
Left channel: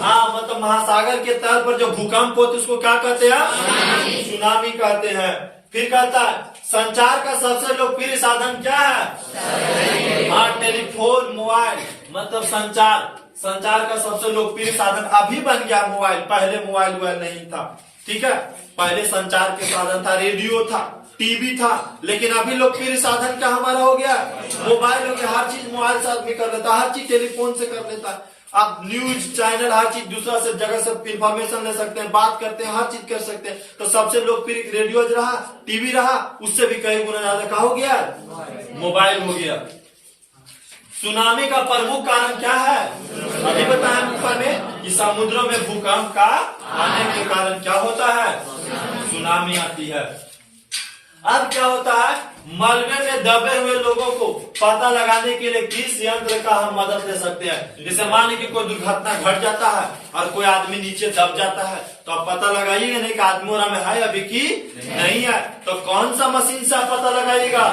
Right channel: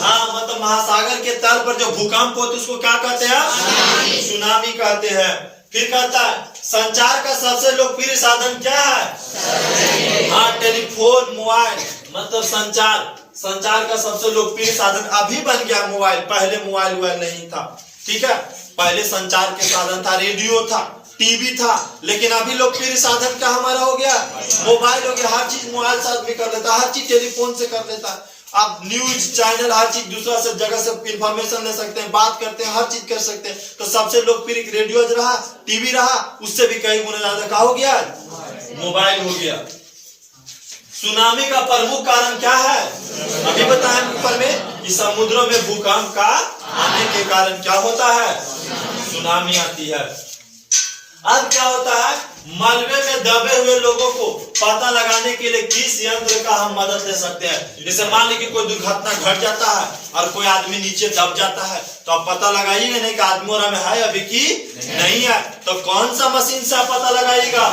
हाँ, मतलब महासागर के तल पर जो भूकंप होते उसको क्या कहते हैं? सुनामी कहते हैं। फिर कहता है संचार का सबसे लोकप्रिय साधन क्या है? हाँ, टेलीफोन, मोबाइल। मतलब संचार का सबसे लोकप्रिय साधन अभी बन गया मोबाइल। पहले मोबाइल नहीं था, ठीक है। पहले संचार के साधन था, रेडियो था, टीवी था, लेकिन अभी लोकप्रिय साधन क्या हमारा हो गया? मोबाइल हो गया। हर चीज मोबाइल से आदमी कर लेता है, हर चीज टेलीफोन से कर लेता है। आप न्यूज चैनल, हर चीज दूसरा से जगह से इंफॉर्मेशन ले सकते हैं, बात करते हैं, हर चीज कर सकते हैं। तो सबसे लोकप्रिय रेडियो रहा, टीवी रहा, उससे भी कई गुना ज्यादा क्या हो गया? मोबाइल हो गया। सुनामी का प्रमुख कारण क्या है? अभी बताया ऊपर में कि समुद्रों में भूकंप का आने के कारण क्या होता है? सुनामी आती है। अब क्या होता है? मलबे में दबे हुए लोगों को पता लगाने के लिए किस यंत्र का हम मदद ले सकते हैं? जैसे मान लीजिए कोई दुर्घटना घट जाता है और कोई आदमी नीचे दब जाता है, तो आप पता लगाइएगा नहीं कि आदमी और में है अभी की नहीं है। तो कौन सा मशीन से आप पता लगाइएगा?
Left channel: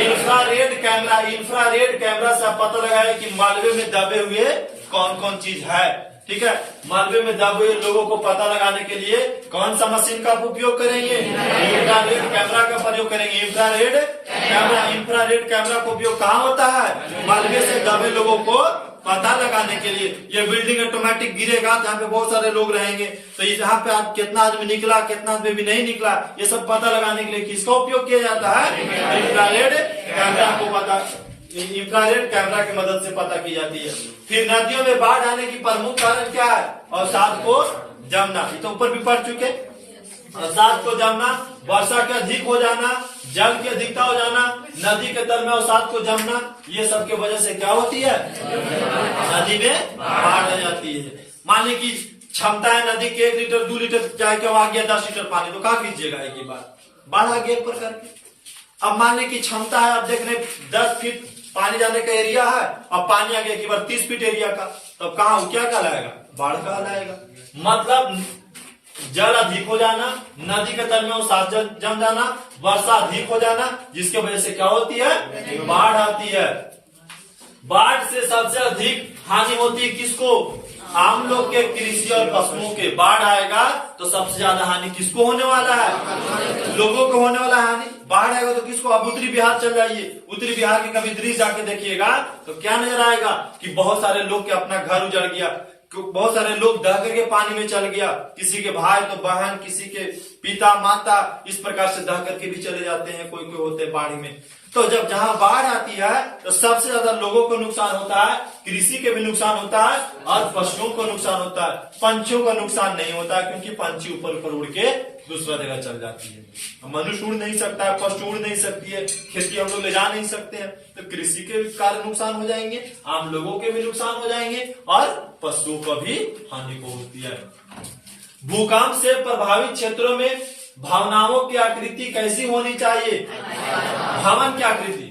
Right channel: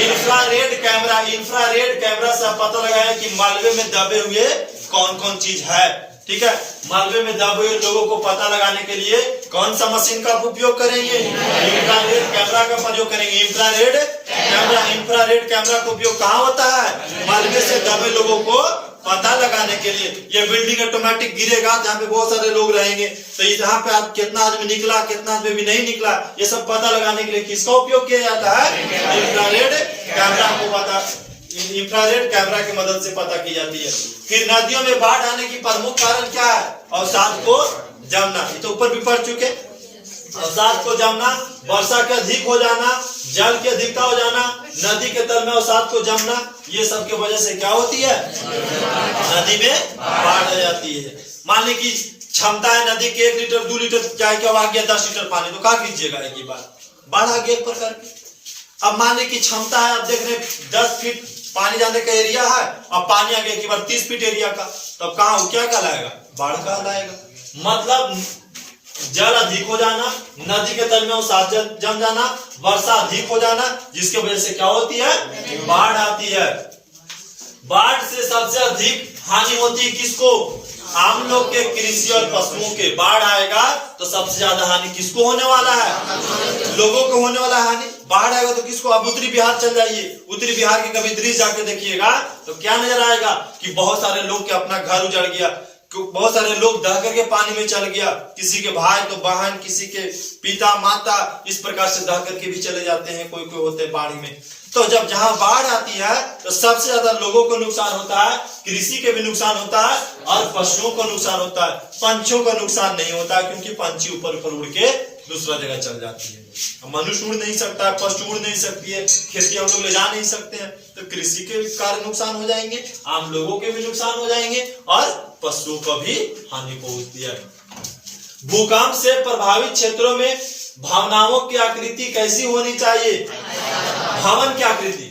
Infrared camera. इंफ्रारेड कैमरा से आप पता लगाए कि मलबे में दबे हुए कौन कौन चीज है, ठीक है। मलबे में दबे हुए लोगों को पता लगाने के लिए कौन सा मशीन का उपयोग करेंगे? इंफ्रारेड कैमरा का प्रयोग करेंगे। Infrared camera. इंफ्रारेड कैमरा का उपयोग कहाँ होता है? मलबे से दबे लोगों को पता लगाने के लिए। ये बिल्डिंग ऑटोमेटिक गिरेगा जहाँ पे बहुत सारे लोग रहेंगे, तो यहाँ पे कितना आदमी निकला, कितना आदमी भी नहीं निकला, ये सब पता लगाने के लिए किसका उपयोग किया जाता है? इंफ्रारेड कैमरा को पता, इंफ्रारेड कैमरा की मदद से पता की जाती है। फिर नदियों में बाढ़ आने की प्रमुख कारण क्या है? अवसाद को जमना। ये तो ऊपर भी पढ़ चुके। अवसाद को जमना, वर्षा के अधिक हो जाना, जल की अधिकता हो जाना, नदी के तल में अवसाद को जमना, ये सब के वजह से क्या होती है? नदी में बाढ़ आ जाती है। मान ली कि क्षमता है नदी के 1 लीटर 2 लीटर चाहे क्या आ गया 10 लीटर पानी, तो क्या कीजिएगा? एक ही बार बाढ़ आ गया एक प्रकार की। अब मान ली कि क्षमता है, आप देख रहे 10 फीट पानी जाने का एरिया है, अब पानी आ गया कि बार 30 फीट एरिया का, तब कहाँ क्या कहलाएगा? बाढ़ कहलाएगा। मतलब जल अधिक हो जाना, नदी के तल में अवसाद जम जाना, वर्षा अधिक हो जाना, जिसके वजह से क्या होती है? बाढ़ आती है। बाढ़ से सबसे अधिक हानि होती है किसको? हम लोग के, कृषि और पशुओं के। बाढ़ आएगा तो सबसे ज्यादा हानि किसको होने वाला है? लोगों को होने वाला हानि। बाढ़ आएगा तो किसको? अब उत्तरी बिहार चल जाइए, उत्तरी बिहार के कभी दृश्य जाके देखिएगा तो क्या नजर आएगा कि बहुत सारे लोग के अपना घर उजड़ गया, बहुत सारे लोग दह करके पानी में चल गया, किसी के भाई तो बहन, किसी के पिता माता, इस प्रकार से दह करके भी चले जाते हैं, कोई कोई होते हैं बाढ़ में। तो जब जहां बाढ़ आती है तो सबसे ज्यादा लोगों को नुकसान होता है, कृषि के भी नुकसान होता है और पशुओं को नुकसान होता है। पंछियों का नुकसान नहीं होता है क्योंकि पंछी ऊपर ऊपर उड़ के दूसरा जगह चल जाती है। मनुष्य उड़ नहीं सकता है, पशु उड़ नहीं सकती है, खेती हम लोग ले जा नहीं सकते हैं, तो कृषि के कारण नुकसान हो जाएंगे, आम लोगों के भी नुकसान हो जाएंगे और पशुओं को भी हानि पहुंचती है। भूकंप से प्रभावित क्षेत्रों में भवनों की आकृति कैसी होनी चाहिए? भवन की आकृति,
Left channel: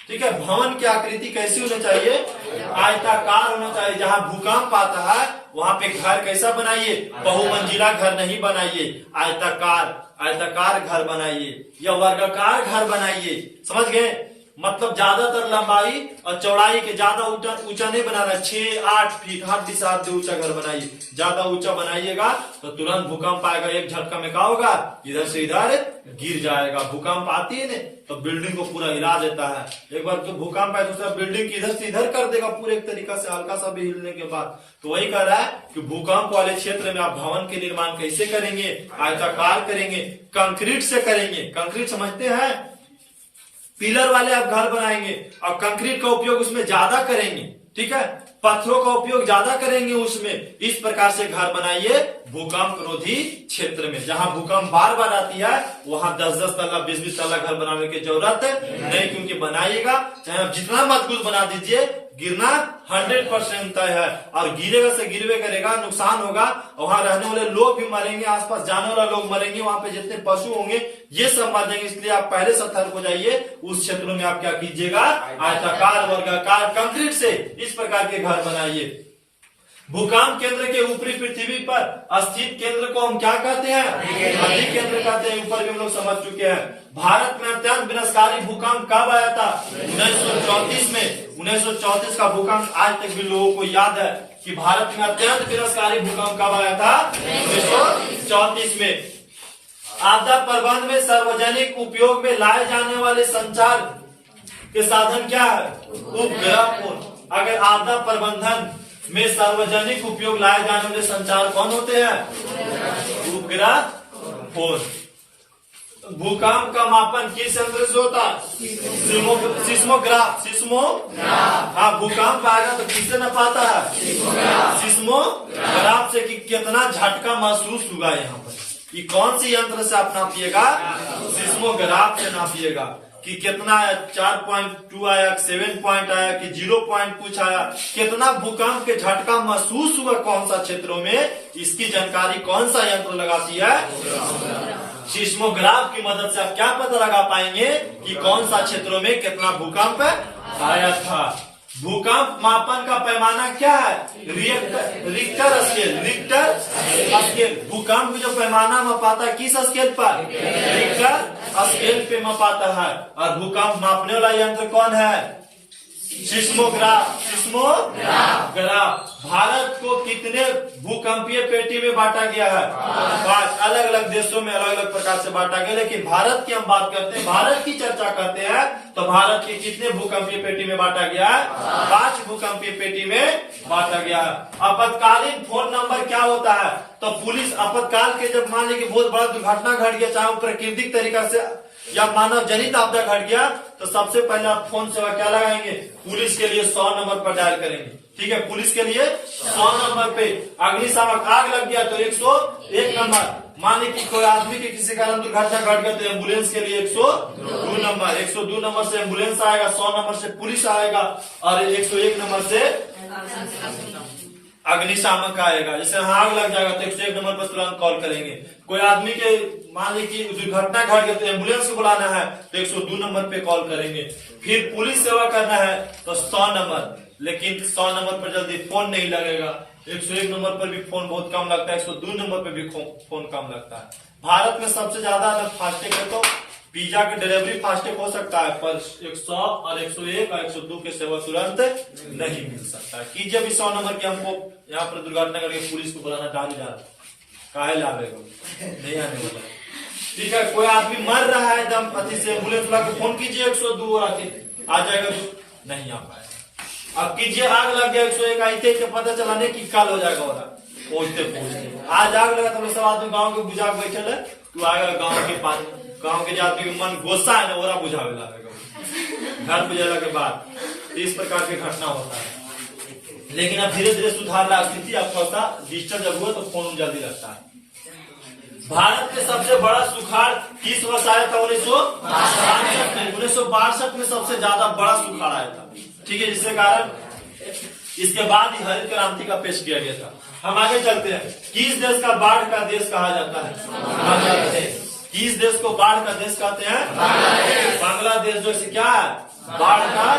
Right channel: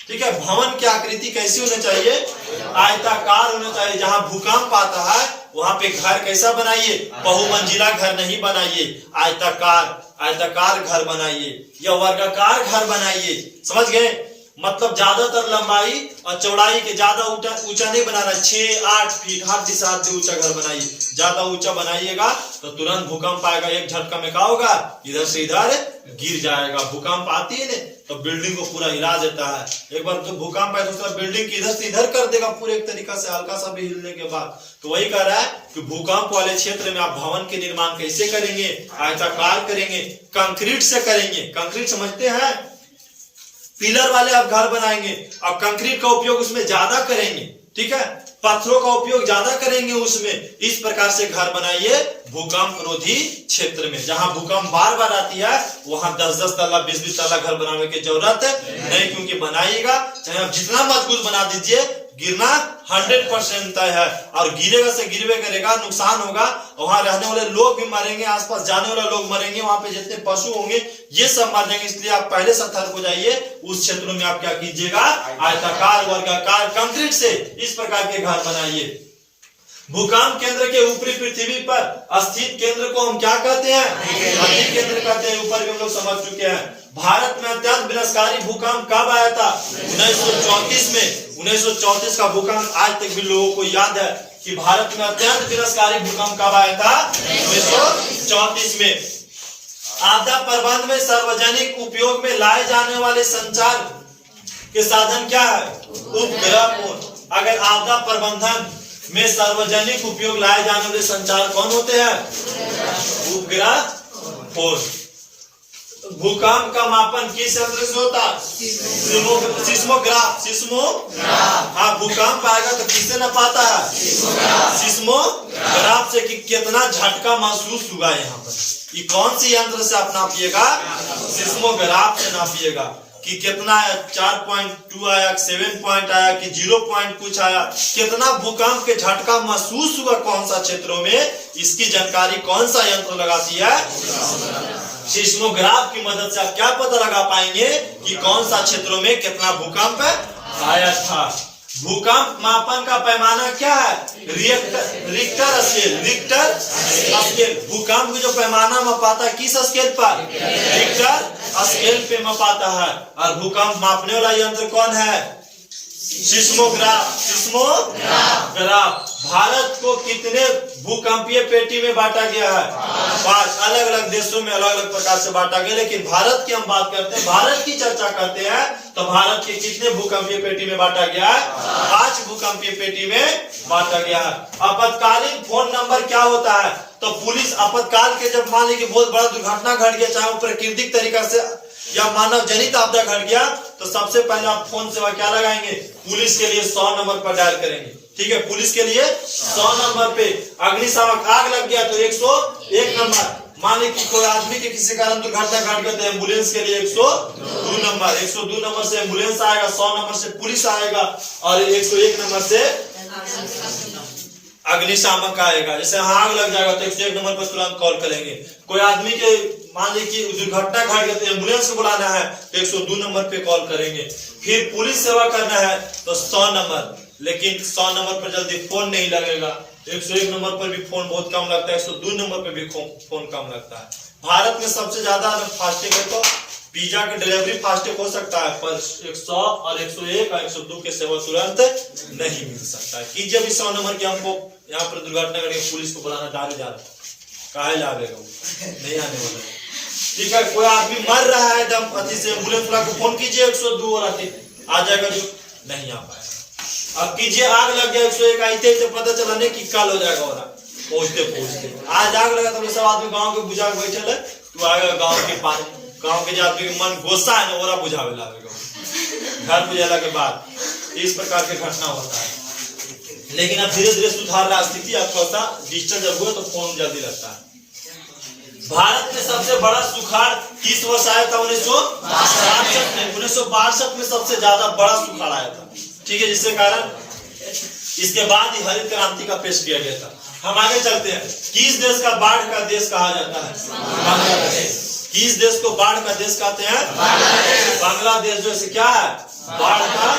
ठीक है। भवन की आकृति कैसी होनी चाहिए? आयताकार होना चाहिए। जहां भूकंप आता है वहां पे घर कैसा बनाइए? बहुमंजिला घर नहीं बनाइए, आयताकार घर बनाइए या वर्गाकार घर बनाइए। समझ गए? मतलब ज्यादातर लंबाई और चौड़ाई के ज्यादा ऊंचा नहीं बनाना, 6-8 फीट हर दिशा से ऊंचा घर बनाइए। ज्यादा ऊंचा बनाइएगा तो तुरंत भूकंप आएगा, एक झटका में क्या होगा? इधर से इधर गिर जाएगा। भूकंप आती है ना तो बिल्डिंग को पूरा हिला देता है। एक बार तो भूकंप आए दूसरा बिल्डिंग की इधर से इधर कर देगा पूरे एक तरीका से, हल्का सा भी हिलने के बाद। तो वही कह रहा है कि भूकंप वाले क्षेत्र में आप भवन के निर्माण कैसे करेंगे? आयताकार करेंगे, कंक्रीट से करेंगे। कंक्रीट समझते हैं? पिलर वाले आप घर बनाएंगे और कंक्रीट का उपयोग उसमें ज्यादा करेंगे, ठीक है, पत्थरों का उपयोग ज्यादा करेंगे उसमें। इस प्रकार से घर बनाइए भूकंप रोधी क्षेत्र में। जहां भूकंप बार बार आती है वहां 10-10 तल्ला 20-20 तल्ला घर बनाने की जरूरत नहीं, क्योंकि बनाइएगा चाहे आप जितना मजबूत बना दीजिए, गिरना 100% तय है। और गिरेगा से गिरवे करेगा, नुकसान होगा, वहां रहने वाले लोग भी मरेंगे, आसपास जाने वाले लोग मरेंगे, वहां पे जितने पशु होंगे ये सब मर जाएंगे। इसलिए आप पहले सतर्क हो जाइए। उस क्षेत्रों में आप क्या कीजिएगा, आयताकार वर्गाकार कंक्रीट से इस प्रकार के घर बनाइए। भूकंप केंद्र के ऊपरी पृथ्वी पर स्थित केंद्र को हम क्या कहते हैं, अधिक केंद्र कहते हैं। ऊपर भी हम लोग समझ चुके हैं। भारत में अत्यंत विनाशकारी भूकंप कब आया था, 1934 में। 1934 का भूकंप आज तक भी लोगों को याद है कि भारत में अत्यंत विनाशकारी भूकंप कब आया था, 1934 में। आपदा प्रबंधन में सार्वजनिक उपयोग में लाए जाने वाले संचार के साधन क्या है, उपग्रह फोन। अगर आपदा प्रबंधन में सार्वजनिक उपयोग लाए जाने वाले संचार कौन होते हैं, उपग्रह फोन। भूकंप का मापन किस यंत्र से होता है, सिस्मोग्राफ। हाँ, भूकंप आएगा तो किससे नापाता है, सिस्मोग्राफ से कि कितना झटका महसूस हुआ यहाँ पर। ये कौन सी यंत्र से आप नापिएगा, सिस्मोग्राफ से नापिएगा कि कितना 4.2 आया, 7 पॉइंट आया कि 0 पॉइंट कुछ आया, कितना भूकंप के झटका महसूस हुआ कौन सा क्षेत्रों में, इसकी जानकारी कौन सा यंत्र लगाती है, सिस्मोग्राफ की मदद से आप क्या पता लगा पाएंगे कि कौन सा क्षेत्रों में कितना भूकंप आया था। भूकंप मापन का पैमाना क्या है, रिक्टर स्केल। भूकंप जो पैमाना मापाता है किस स्केल पर, रिक्टर स्केल पे मापाता है। और भूकंप मापने वाला यंत्र कौन है, सिस्मोग्राफ। भारत को कितने भूकंपीय पेटी में बांटा गया है, 5। अलग अलग देशों में अलग अलग प्रकार से बांटा गया, लेकिन भारत की हम बात करते हैं, भारत की चर्चा करते हैं तो भारत के कितने भूकंपीय पेटी में बांटा गया है, 5 भूकंपीय पेटी में बांटा गया है। आपातकालीन फोन नंबर क्या होता है, तो पुलिस आपातकाल के जब मान ली कि बहुत बड़ा दुर्घटना घट गया, चाहे वो प्राकृतिक तरीका से या मानव जनित आपदा घट गया, तो सबसे पहले आप फोन सेवा क्या लगाएंगे, पुलिस के लिए 100 नंबर पर डायल करेंगे, ठीक है। पुलिस के लिए 100 नंबर पे। अग्निशामक आग लग गया तो 101 नंबर। मान ली कि कोई आदमी के किसी कारण दुर्घटना घट गया तो एम्बुलेंस के लिए 102 नंबर। 102 नंबर से एम्बुलेंस आएगा, 100 नंबर से पुलिस आएगा और 101 नंबर से अग्निशामक आएगा। जैसे आग लग जाएगा तो 101 नंबर पर तुरंत कॉल करेंगे। कोई आदमी के मान ली कि दुर्घटना घट गई तो एम्बुलेंस को बुलाना है तो 102 नंबर पे कॉल करेंगे। फिर पुलिस सेवा करना है तो 100 नंबर, लेकिन 100 नंबर पर जल्दी फोन नहीं लगेगा। 101 नंबर पर भी फोन बहुत कम लगता है, 102 नंबर पर भी फोन कम लगता है। भारत में सबसे ज्यादा फास्टैग है तो पिज्जा की डिलीवरी फास्टैग हो सकता है, पर 100 और 101 और 102 के सेवा तुरंत नहीं मिल सकता है। कीजिए अभी 100 नंबर की हमको यहाँ पर दुर्घटना करके पुलिस को बुलाना डाली जा रहा है, काहे लावेगा नहीं आने वाला, ठीक है। कोई आदमी मर रहा है एकदम अति से, एम्बुलेंस बुला के फोन कीजिए 102 और आ जाएगा, जो नहीं आ पाएगा। अब कीजिए आग लग गया 101 आते पता चला नहीं कि काल हो जाएगा और पहुंचते आज आग लगा तो सब आदमी गाँव के बुझा के बैठे है, तू आएगा गाँव के आदमी के मन गुस्सा है ना, ओरा बुझावे लगेगा घर बुझाला के बाद। इस प्रकार के घटना होता है, लेकिन अब धीरे धीरे सुधार रहा स्थिति। अब थोड़ा सा डिजिटल जब हुआ तो फोन जल्दी लगता है। भारत में सबसे बड़ा सुखाड़ किस वर्ष आया था, 1962 में सबसे ज्यादा बड़ा सुखाड़ आया था, ठीक है। जिसके कारण इसके बाद ही हरित क्रांति का पेश किया गया था। हम आगे चलते हैं। किस देश का बाढ़ का देश कहा जाता है, बांग्लादेश। किस देश को बाढ़ का देश कहते हैं, बांग्लादेश जो है क्या है, बाढ़ का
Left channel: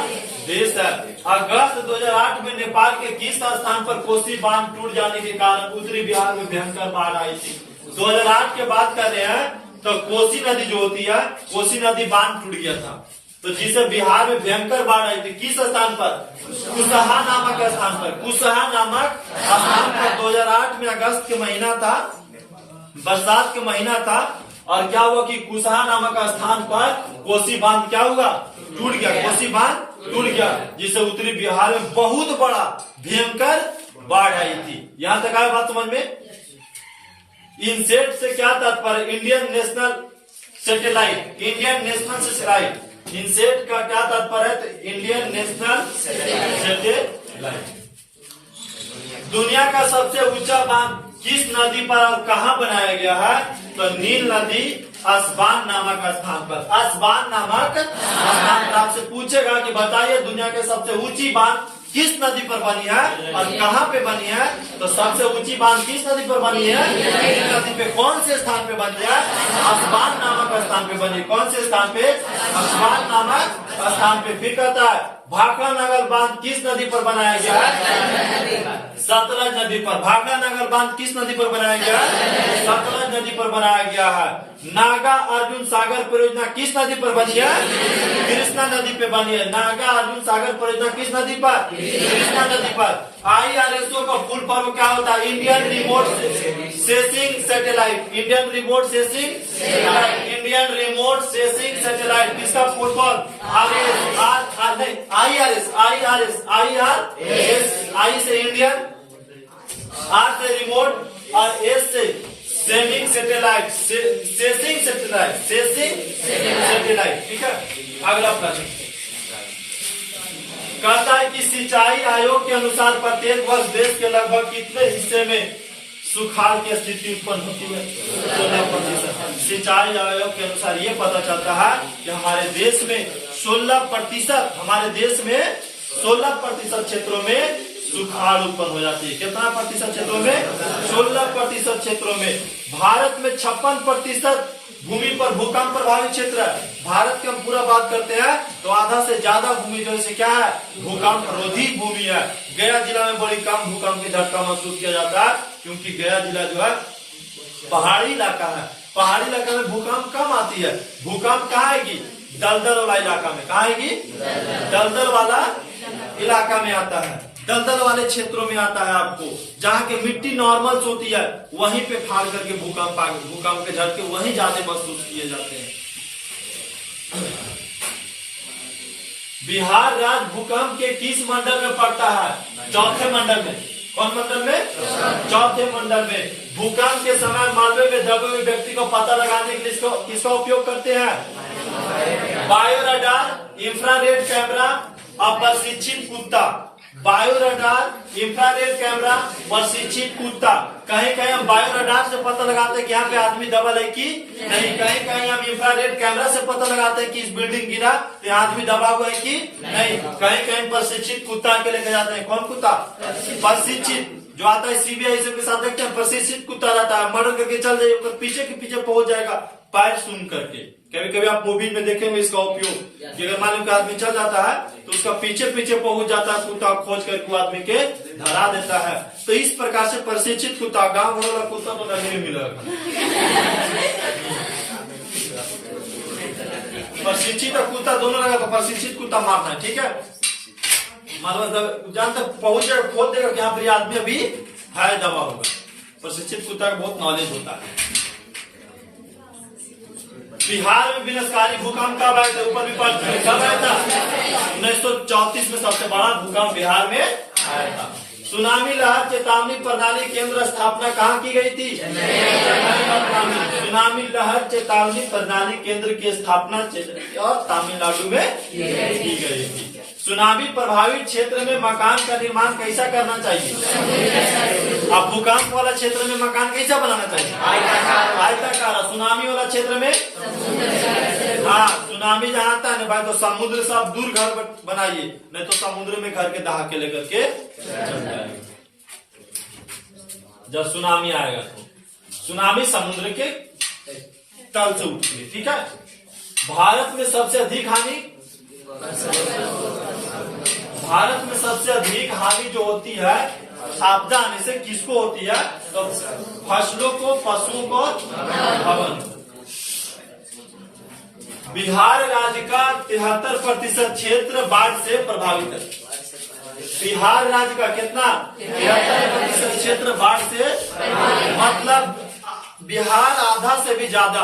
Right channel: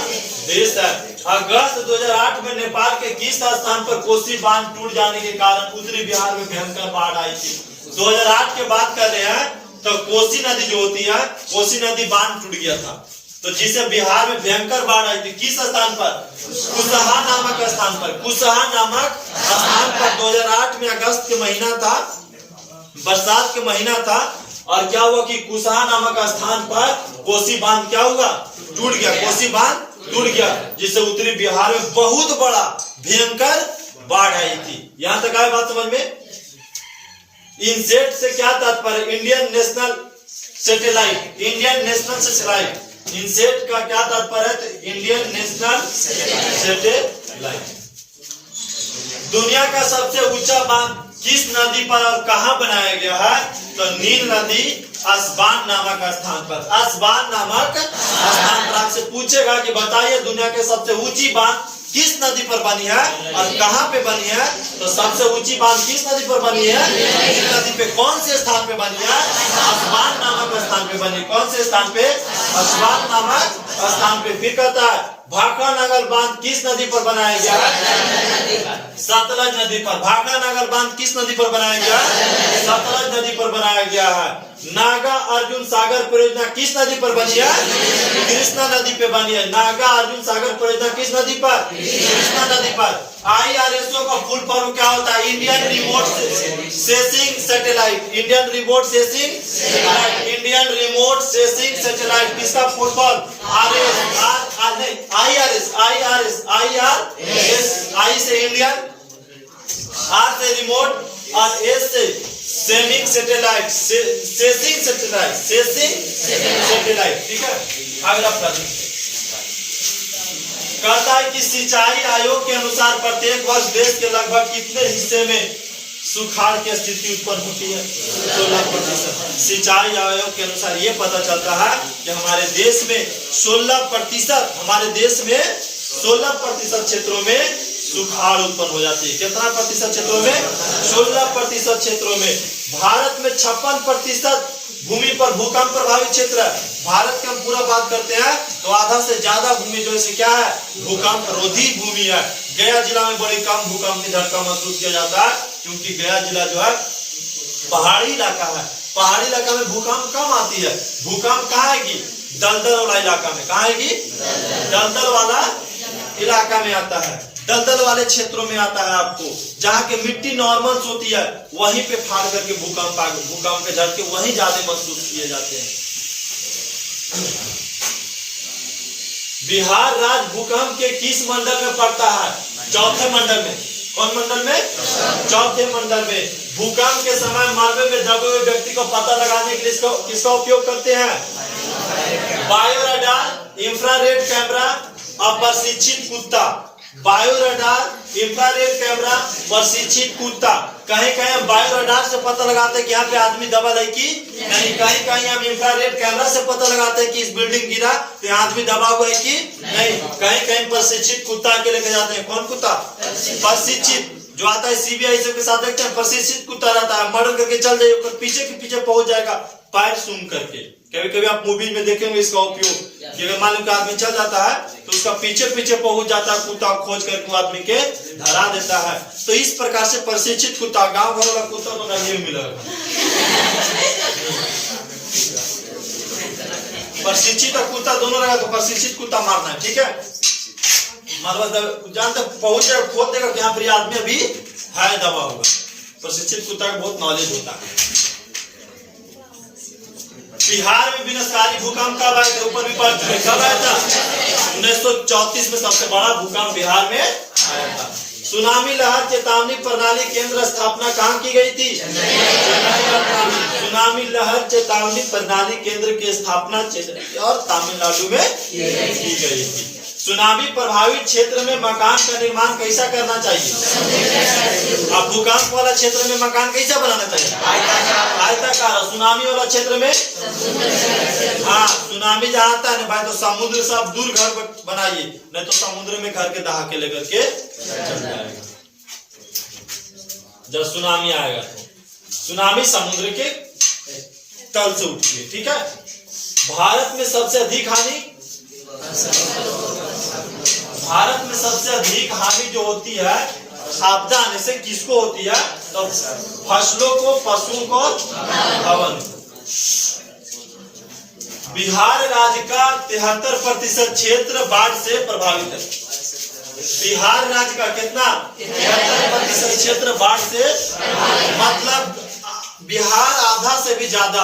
देश है। अगस्त 2008 में नेपाल के किस स्थान पर कोसी बांध टूट जाने के कारण उत्तरी बिहार में भयंकर बाढ़ आई थी। 2008 के बात कर रहे हैं तो कोसी नदी जो होती है, कोसी नदी बांध टूट गया था, तो जिसे बिहार में भयंकर बाढ़ आई थी। किस स्थान पर, कुसहा नामक स्थान पर। कुसहा नामक स्थान पर 2008 में अगस्त के महीना था, बरसात के महीना था, और क्या हुआ कि कुसहा नामक स्थान पर कोसी बांध क्या हुआ, टूट गया। कोसी बांध टूट गया, जिससे उत्तरी बिहार में बहुत बड़ा भयंकर बाढ़ आई थी। यहां तक आए बात समझ में। इनसेट से क्या तात्पर्य, Indian national satellite. Indian national satellite INSAT का क्या तात्पर्य है? तो इंडियन नेशनल सैटेलाइट। दुनिया का सबसे ऊंचा बांध किस नदी पर और कहां बनाया गया है? तो नील नदी अस्वान नामक स्थान पर। अस्वान नामक स्थान पर आपसे पूछेगा कि बताइए दुनिया के सबसे ऊंची बांध किस नदी पर बनी है और कहां पे बनी है? तो सबसे ऊंची बांध किस नदी पर बनी है? नील नदी पे। कौन से स्थान पे बनी है? अस्वान नामक स्थान पे बनी। कौन से स्थान पे? अस्वान नामक स्थान पे। फिर कहता है भाखड़ा नगर बांध किस नदी पर बनाया गया है? सतलज नदी पर। भाखड़ा नगर बांध किस नदी पर बनाया गया है? सतलज नदी पर बनाया गया है। नागा अर्जुन सागर परियोजना किस नदी पर बनी है? कृष्णा नदी पे बनी है। नागा अर्जुन सागर परियोजना किस नदी पर? कृष्णा नदी पर। IRSO का फुल फॉर्म क्या होता है? Indian remote sensing satellite. Indian remote sensing satellite. Indian remote sensing satellite किसका फुल फॉर्म? IRS। आई से इंडियन, आर से रिमोट और एस से seeming satellite. Sensing satellite. Sensing satellite. ठीक है, अगला प्रश्न कहता है कि सिंचाई आयोग के अनुसार प्रत्येक वर्ष देश के लगभग कितने हिस्से में सुखाड़ की स्थिति उत्पन्न होती है? 16%। सिंचाई आयोग के अनुसार ये पता चलता है कि हमारे देश में 16%, हमारे देश में 16% क्षेत्रों में सुखाड़ उत्पन्न हो जाती है। कितना प्रतिशत क्षेत्रों में? 16% क्षेत्रों में। भारत में 56% भूमि पर भूकंप प्रभावित क्षेत्र है। भारत की हम पूरा बात करते हैं तो आधा से ज्यादा भूमि जो है क्या है? भूकंप रोधी भूमि है। गया जिला में बड़ी कम भूकंप के झटका महसूस किया जाता है क्योंकि गया जिला जो है पहाड़ी इलाका है। पहाड़ी इलाका में भूकंप कम आती है। भूकंप कहाँ आएगी? दलदल वाला इलाका में। कहाँ आएगी? दलदल वाला इलाका में आता है। दलदल वाले क्षेत्रों में आता है आपको, जहाँ के मिट्टी नॉर्मल होती है वहीं पे फाड़ करके भूकंप के झटके वहीं ज्यादा महसूस किए जाते हैं। बिहार राज्य भूकंप के किस मंडल में पड़ता है? चौथे मंडल में। कौन मंडल में? चौथे मंडल में। भूकंप के समय मालवे में दबे हुए व्यक्ति को पता लगाने के लिए किसका उपयोग करते हैं? बायो रडार, इंफ्रारेड कैमरा और प्रशिक्षित कुत्ता। बायो रडार, इंफ्रारेड कैमरा, प्रशिक्षित कुत्ता। कहीं कहीं हम बायो रडार से पता लगाते हैं कि यहाँ पे आदमी दबा है कि नहीं। कहीं कहीं हम इंफ्रारेड कैमरा से पता लगाते हैं कि इस बिल्डिंग गिरा तो यहाँ आदमी दबा हुआ है कि नहीं। कहीं कहीं प्रशिक्षित कुत्ता के लेके जाते हैं। कौन कुत्ता? प्रशिक्षित, जो आता है CBI के साथ देखते हैं। प्रशिक्षित कुत्ता रहता है, मर्डर करके चल जाइए, पीछे के पीछे पहुंच जाएगा पैर सूंघ करके। कभी कभी आप मूवी में देखेंगे इसका उपयोग कि अगर मान लो आदमी चल जाता है तो उसका पीछे पीछे पहुंच जाता है कुत्ता, खोज करके वो आदमी के धरा देता है। तो इस प्रकार से प्रशिक्षित कुत्ता, गांव घर वाला कुत्ता तो नहीं मिलेगा। प्रशिक्षित और कुत्ता दोनों लगा तो प्रशिक्षित कुत्ता मारना है। ठीक है, मतलब जहां तक पहुंच जाएगा खोद देगा कि यहाँ पर आदमी अभी है दबा होगा। प्रशिक्षित कुत्ता का बहुत नॉलेज होता है। बिहार में विनाशकारी भूकंप कब आया था? ऊपर भी पढ़ चुके। कब आया था? 1934 में सबसे बड़ा भूकंप बिहार में आया था। सुनामी लहर चेतावनी प्रणाली केंद्र स्थापना कहाँ की गई थी? सुनामी लहर चेतावनी प्रणाली केंद्र की स्थापना और तमिलनाडु में की गई थी। सुनामी प्रभावित क्षेत्र में मकान का निर्माण कैसा करना चाहिए? अब भूकंप वाला क्षेत्र में मकान कैसा बनाना चाहिए? आयताकार। सुनामी वाला क्षेत्र में, हाँ, सुनामी जहाँ आता है ना भाई तो समुद्र से आप दूर घर बनाइए, नहीं तो समुद्र में घर के दहा के लेकर के चल जाएगा। जब सुनामी आएगा तो सुनामी समुद्र के तल से उठती है। ठीक है, भारत में सबसे अधिक हानि जो होती है आपदा आने से किसको होती है? तो फसलों को, पशुओं को, भवन। बिहार राज्य का 73% क्षेत्र बाढ़ से प्रभावित है। बिहार राज्य का कितना? 73% क्षेत्र बाढ़ से, मतलब बिहार आधा से भी ज्यादा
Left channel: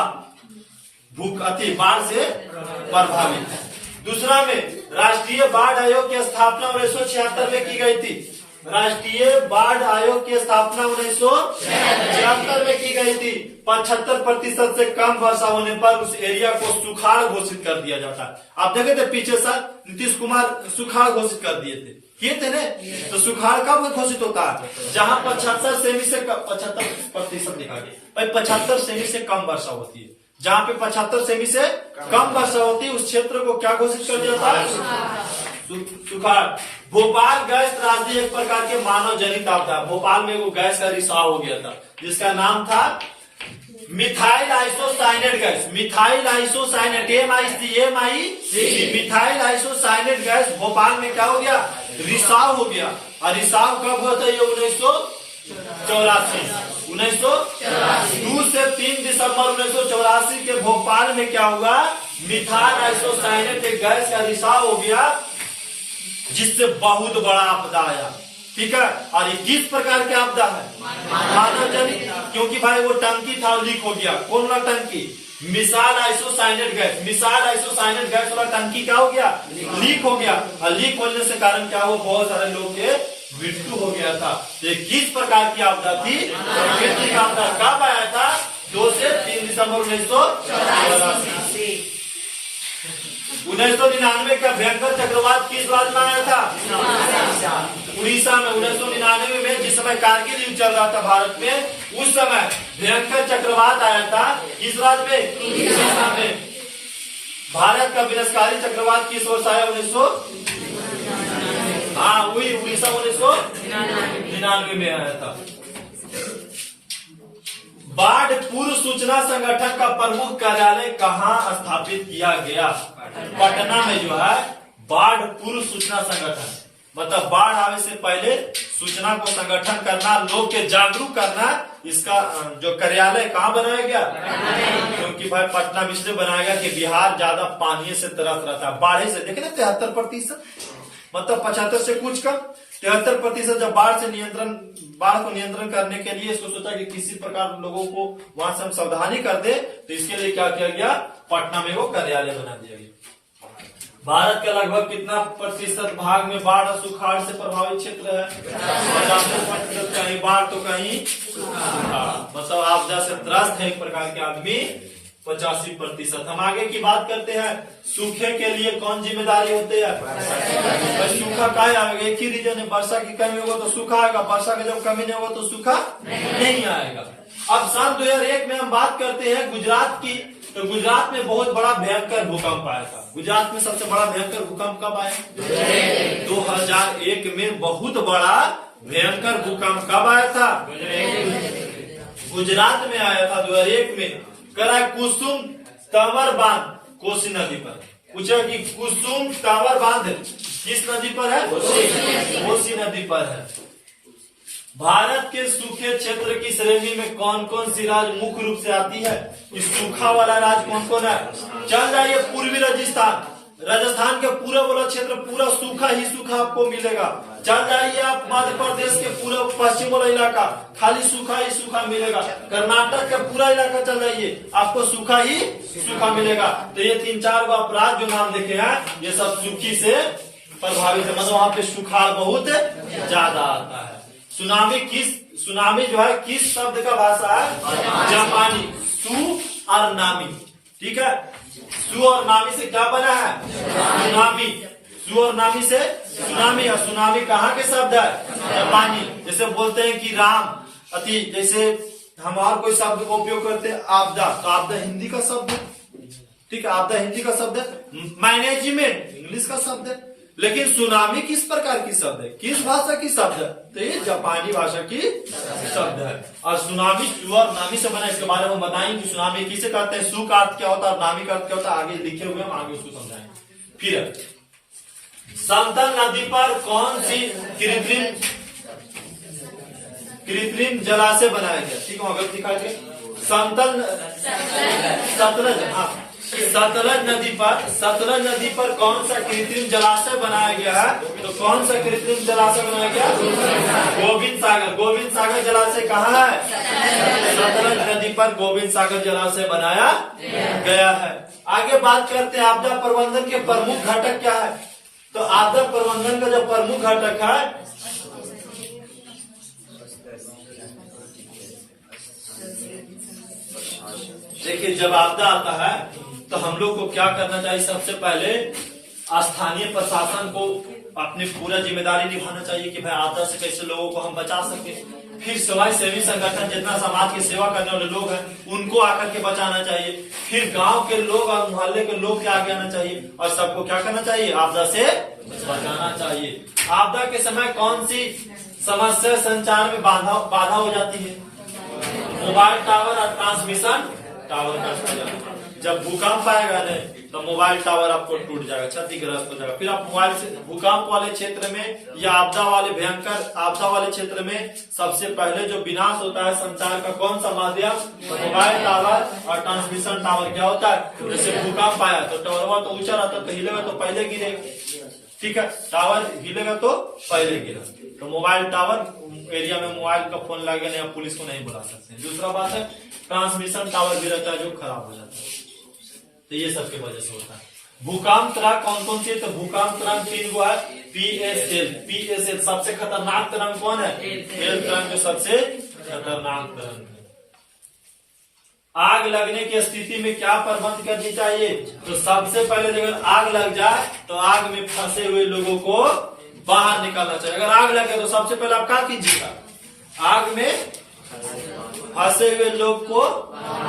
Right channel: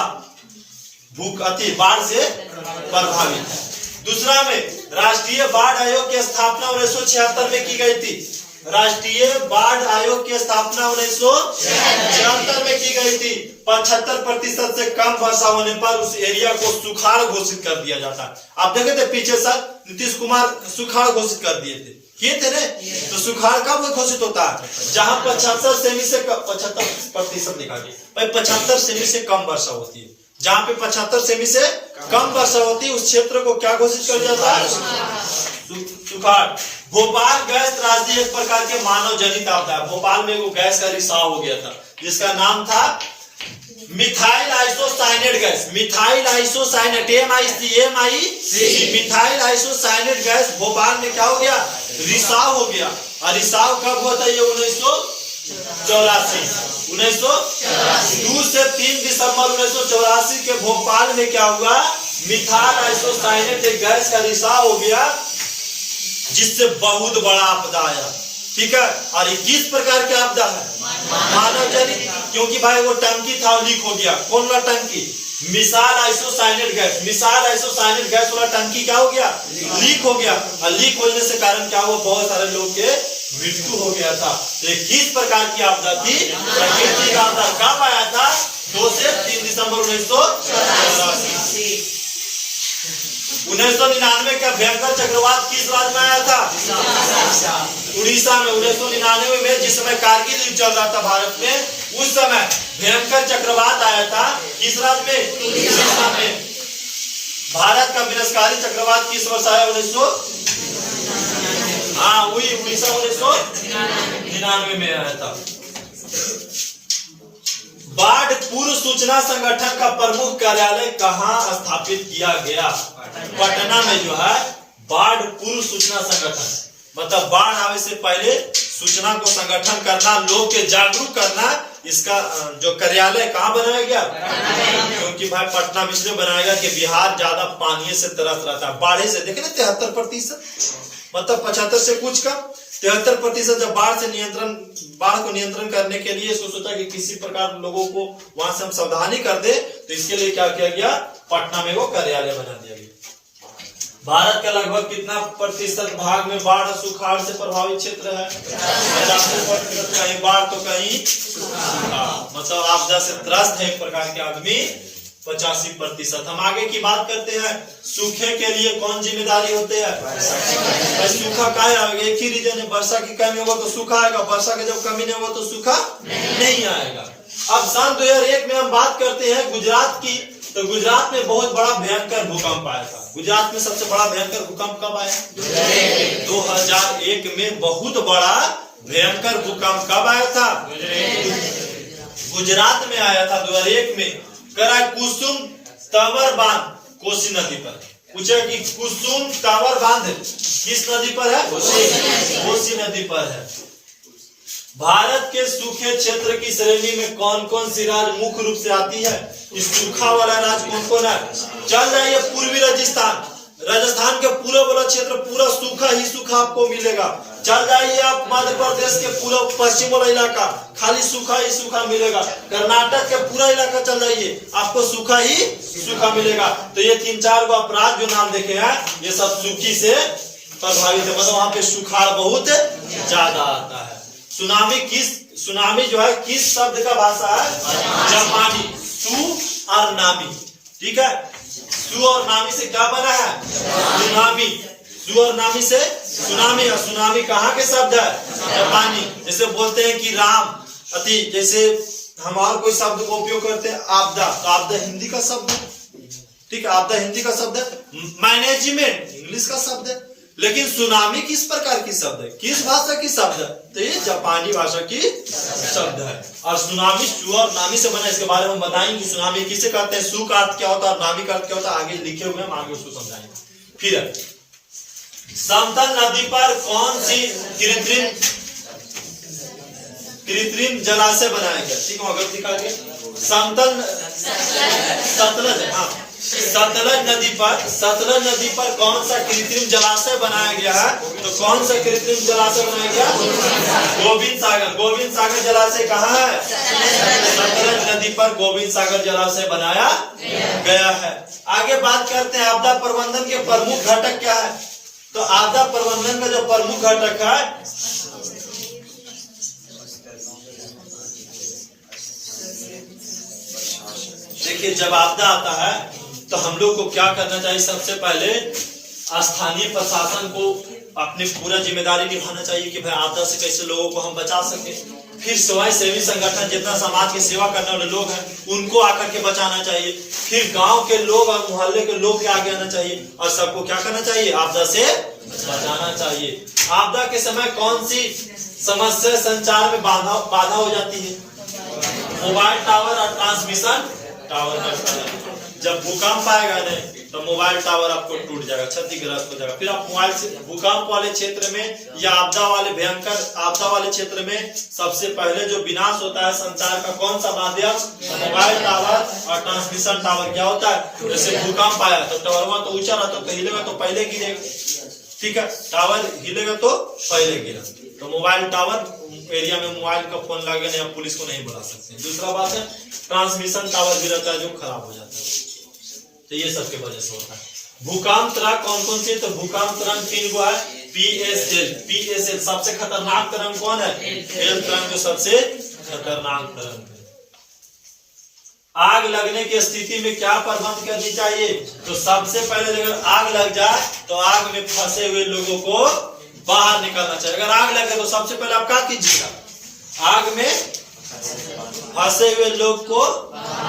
बाढ़ से प्रभावित है। दूसरा में राष्ट्रीय बाढ़ आयोग की स्थापना 1976 में की गई थी। राष्ट्रीय बाढ़ आयोग की स्थापना 1976 में की गई थी। 75% से कम वर्षा होने पर उस एरिया को सुखाड़ घोषित कर दिया जाता है। आप देखे थे पीछे साल नीतीश कुमार सुखाड़ घोषित कर दिए थे, किए थे ने? तो सुखाड़ कब घोषित होता है? जहां 75 सेमी से 75% लिखा गया, 75 सेमी से कम वर्षा होती है। जहां पे 75 सेमी से कम वर्षा होती है उस क्षेत्र को क्या घोषित कर दिया जाता है? सुखाड़। भोपाल गैस त्रासदी एक प्रकार के मानव जनित आपदा। भोपाल में वो गैस का रिसाव हो गया था जिसका नाम था methyl isocyanate gas. Methyl isocyanate methyl isocyanate gas Bhopal में क्या हो गया? रिसाव हो गया। और रिसाव कब हुआ था? ये 1984 2 से 3 दिसंबर 1984 के भोपाल में क्या हुआ? मिथाइल आइसोसाइनेट एक गैस का रिसाव हो गया जिससे बहुत बड़ा आपदा आया। ठीक है, और ये किस प्रकार की आपदा है? मानव जनित। क्योंकि भाई वो टंकी था लीक हो गया। कौन वाला टंकी? Missile isocyanate gas. Missile isocyanate gas वाला टंकी क्या हो गया? लीक हो गया। और लीक होने से कारण क्या हुआ? बहुत सारे लोग के मृत्यु हो गया था। ये किस प्रकार की आपदा थी? प्राकृतिक आपदा। कब आया था? 2 से 3 दिसंबर 1984। 1999 का भयंकर चक्रवात किस राज्य में आया था? उड़ीसा में। 1999 में जिस समय कारगिल युद्ध चल रहा था भारत में, उस समय भयंकर चक्रवात आया था। किस राज्य में? उड़ीसा में। भारत का विनाशकारी चक्रवात किस वर्ष आया? 1999 में आया था। बाढ़ पूर्व सूचना संगठन का प्रमुख कार्यालय कहाँ स्थापित किया गया? पटना में जो है बाढ़ पूर्व सूचना संगठन, मतलब बाढ़ आने से पहले सूचना को संगठन करना, लोग के जागरूक करना, इसका जो कार्यालय कहाँ बनाया गया? क्योंकि भाई पटना इसलिए बनाया गया कि बिहार ज्यादा पानी से तरस रहा था। बाढ़ से देखे ना 73%, मतलब 75 से कुछ कम 73%। जब बाढ़ को नियंत्रण करने के लिए सोचा कि किसी प्रकार लोगों को वहां से हम सावधानी कर दे, तो इसके लिए क्या किया गया? पटना में वो कार्यालय बना दिया गया। भारत का लगभग कितना प्रतिशत भाग में बाढ़ और सुखाड़ से प्रभावित क्षेत्र है? 50%। कहीं बाढ़ तो कहीं सुखाड़, मतलब आपदा से त्रस्त है एक प्रकार के आदमी 85%। हम आगे की बात करते हैं। सूखे के लिए कौन जिम्मेदारी होते हैं? सूखा का आएगा? एक ही रीजन है, वर्षा की कमी होगा तो सूखा आएगा, वर्षा की जब कमी नहीं होगा तो सूखा नहीं आएगा। अब सन 2001 में हम बात करते हैं गुजरात की, तो गुजरात में बहुत बड़ा भयंकर भूकंप आया था। गुजरात में सबसे बड़ा भयंकर भूकंप कब आया? 2001 में बहुत बड़ा भयंकर भूकंप कब आया था? गुजरात में आया था 2001 में। कुसुम टावर बांध कोसी नदी पर। पूछा कि कुसुम टावर बांध किस नदी पर है? कोसी नदी पर है। भारत के सूखे क्षेत्र की श्रेणी में कौन कौन सी राज्य मुख्य रूप से आती है? इस सूखा वाला राज्य कौन कौन है? चल जाइए पूर्वी राजस्थान के पूरा वाला क्षेत्र पूरा सूखा ही सूखा आपको मिलेगा। चल जाइए आप मध्य प्रदेश के पूरा पश्चिम वाला इलाका खाली सूखा ही सूखा मिलेगा। कर्नाटक के पूरा इलाका चल जाइए आपको सूखा ही सूखा मिलेगा। तो ये 3-4 गो अपराध जो नाम देखे हैं ये सब सूखी से प्रभावित है, मतलब वहां पे सुखाड़ बहुत ज्यादा आता है। सुनामी जो है किस शब्द का भाषा है? जापानी। सु और नामी। ठीक है, सु और नामी से क्या बना है? सुनामी। सु और नामी से सुनामी। और सुनामी कहाँ के शब्द है? जापानी। जैसे बोलते हैं कि राम अति, जैसे हम और कोई शब्द को उपयोग करते हैं आपदा, तो आपदा हिंदी का शब्द है। ठीक है, आपदा हिंदी का शब्द है। मैनेजमेंट इंग्लिश का शब्द है। लेकिन सुनामी किस प्रकार की शब्द है? किस भाषा की शब्द है? तो ये जापानी भाषा की शब्द है। और सुनामी सु और नामी से बना। इसके बारे में बताएंगे कि सुनामी किसे कहते हैं, सु का अर्थ क्या होता है और नामी का अर्थ क्या होता है, आगे लिखे हुए हम आगे उसको समझाएंगे। फिर समतल नदी पर कौन सी कृत्रिम जलाशय बनाया गया? ठीक है, अगर दिखा दिया सतलज नदी पर कौन सा कृत्रिम जलाशय बनाया गया है? तो कौन सा कृत्रिम जलाशय बनाया गया? गोविंद सागर जलाशय कहाँ है? सतलज नदी पर गोविंद सागर जलाशय बनाया गया है। आगे बात करते हैं आपदा प्रबंधन के प्रमुख घटक क्या है? तो आपदा प्रबंधन का जो प्रमुख घटक है देखिए जब आपदा आता है तो हम लोग को क्या करना चाहिए, सबसे पहले स्थानीय प्रशासन को अपनी पूरा जिम्मेदारी निभाना चाहिए कि भाई आपदा से कैसे लोगों को हम बचा सके। फिर स्वयं सेवी संगठन जितना समाज की सेवा करने वाले लोग हैं उनको आकर के बचाना चाहिए। फिर गांव के लोग और मोहल्ले के लोग के आगे आना चाहिए और सबको क्या करना चाहिए, आपदा से बचाना चाहिए। आपदा के समय कौन सी समस्या संचार में बाधा हो जाती है? मोबाइल टावर और ट्रांसमिशन टावर का। जब भूकंप आएगा नहीं तो मोबाइल टावर आपको टूट जाएगा, क्षतिग्रस्त हो जाएगा। फिर आप मोबाइल से भूकंप वाले क्षेत्र में या आपदा वाले भयंकर आपदा वाले क्षेत्र में सबसे पहले जो विनाश होता है संचार का कौन सा माध्यम, तो मोबाइल टावर और ट्रांसमिशन टावर। क्या होता है, जैसे भूकंप आया तो टावर तो ऊंचा रहता तो हिलेगा तो पहले गिरेगा, ठीक है, टावर हिलेगा तो पहले गिरा। तो मोबाइल टावर एरिया में मोबाइल का फोन लगे नहीं, आप पुलिस को नहीं बुला सकते। दूसरा बात है ट्रांसमिशन टावर भी रहता है जो खराब हो जाता है, तो ये सबके वजह से होता है। भूकंप तरंग कौन कौन सी, तो भूकंप तरंग 3 गो है, पीएसएल सबसे खतरनाक तरंग कौन है, एल तरंग जो सबसे खतरनाक तरंग है। आग लगने की स्थिति में क्या प्रबंध करनी चाहिए, तो सबसे पहले अगर आग लग जाए तो आग में फंसे हुए लोगों को बाहर निकालना चाहिए। अगर आग लगे तो सबसे पहले आप क्या कीजिएगा, आग में फंसे हुए लोग को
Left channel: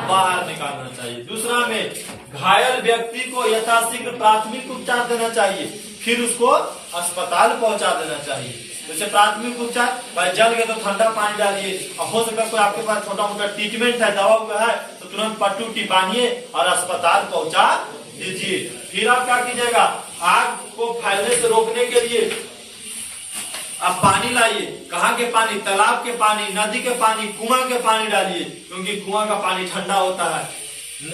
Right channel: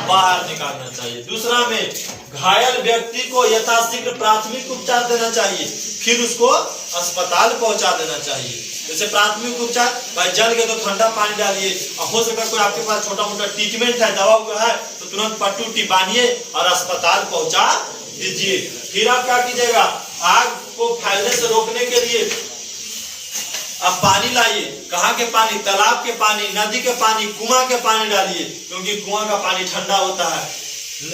बाहर निकालना चाहिए। दूसरा में घायल व्यक्ति को यथाशीघ्र प्राथमिक उपचार देना चाहिए, फिर उसको अस्पताल पहुंचा देना चाहिए। जैसे प्राथमिक उपचार, भाई जल गए तो ठंडा पानी डालिए, और हो सकता है कोई आपके पास छोटा मोटा ट्रीटमेंट है, दवा हुआ है तो तुरंत पट्टी बांधिए और अस्पताल पहुंचा दीजिए। फिर आप क्या कीजिएगा, आग को फैलने से रोकने के लिए आप पानी लाइए। कहाँ के पानी, तालाब के पानी, नदी के पानी, कुआं के पानी डालिए, क्योंकि कुआं का पानी ठंडा होता है।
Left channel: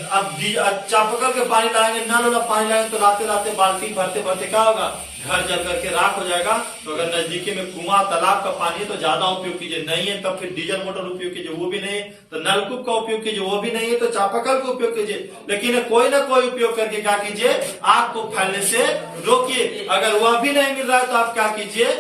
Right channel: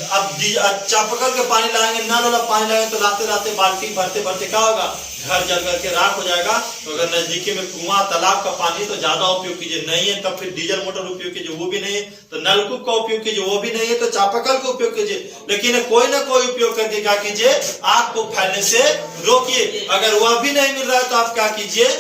अब चापाकल के पानी लाएंगे, नल वाला पानी लाएंगे तो लाते लाते बाल्टी भरते भरते क्या होगा, घर जल करके राख हो जाएगा। तो अगर नजदीकी में कुआं तालाब का पानी है तो ज्यादा उपयोग कीजिए, नहीं है तब फिर डीजल मोटर उपयोग कीजिए, वो भी नहीं है तो नलकूप का उपयोग कीजिए, वो भी नहीं है तो चापाकल का उपयोग कीजिए। लेकिन कोई ना कोई उपयोग करके क्या कीजिए, आग को फैलने से रोकिए। अगर वह भी नहीं मिल रहा है तो आप क्या कीजिए,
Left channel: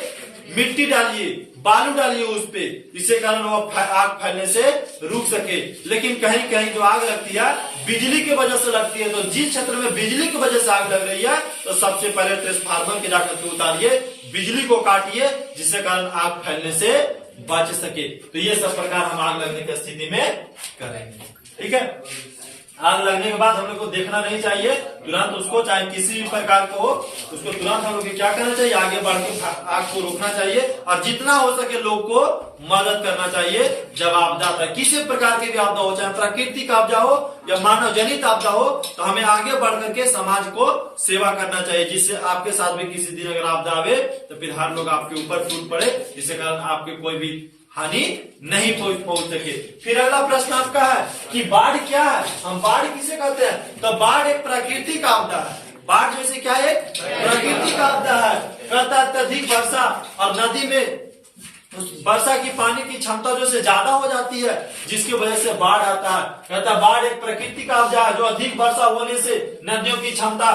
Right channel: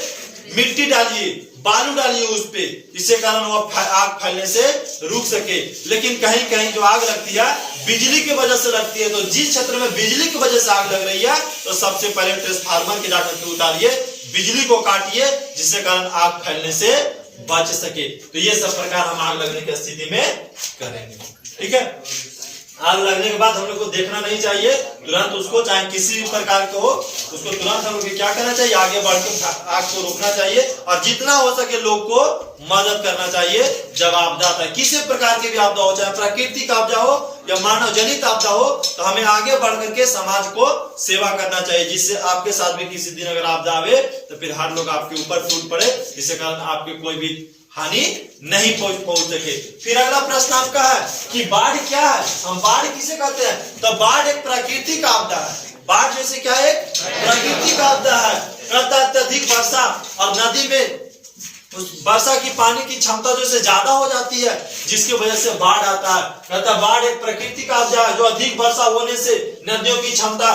मिट्टी डालिए, बालू डालिए उस पे, जिससे कारण वो आग फैलने से रुक सके। लेकिन कहीं कहीं जो आग लगती है बिजली की वजह से लगती है, तो जिस क्षेत्र में बिजली की वजह से आग लग रही है तो सबसे पहले ट्रांसफार्मर के जाकर के उतारिए, बिजली को काटिए, जिससे कारण आग फैलने से बच सके। तो ये सब प्रकार हम आग लगने की स्थिति में करेंगे, ठीक है। आग लगने के बाद हम लोग को देखना नहीं चाहिए तुरंत उसको, चाहे किसी भी प्रकार का हो, उसको तुरंत हम लोग क्या करना चाहिए, आगे बढ़ के आग को रोकना चाहिए और जितना हो सके लोग को मदद करना चाहिए। जब आपदा आता है, किसी प्रकार की भी आपदा हो, चाहे प्राकृतिक आपदा हो या मानव जनित आपदा हो, तो हमें आगे बढ़ करके समाज को सेवा करना चाहिए, जिससे आपके साथ भी किसी दिन अगर आपदा आवे तो फिर हर लोग आपके ऊपर टूट पड़े, जिससे कारण आपके कोई भी हानि नहीं पहुंच सके। फिर अगला प्रश्न आपका है कि बाढ़ क्या है, हम बाढ़ किसे कहते हैं, तो बाढ़ एक प्राकृतिक आपदा है। बाढ़ जैसे क्या है, प्राकृतिक आपदा है। कहता है अत्यधिक वर्षा और नदी में वर्षा की पानी की क्षमता जो से ज्यादा हो जाती है, जिसकी वजह से बाढ़ आता है। कहता है बाढ़ एक प्राकृतिक आपदा है जो अधिक वर्षा होने से नदियों की क्षमता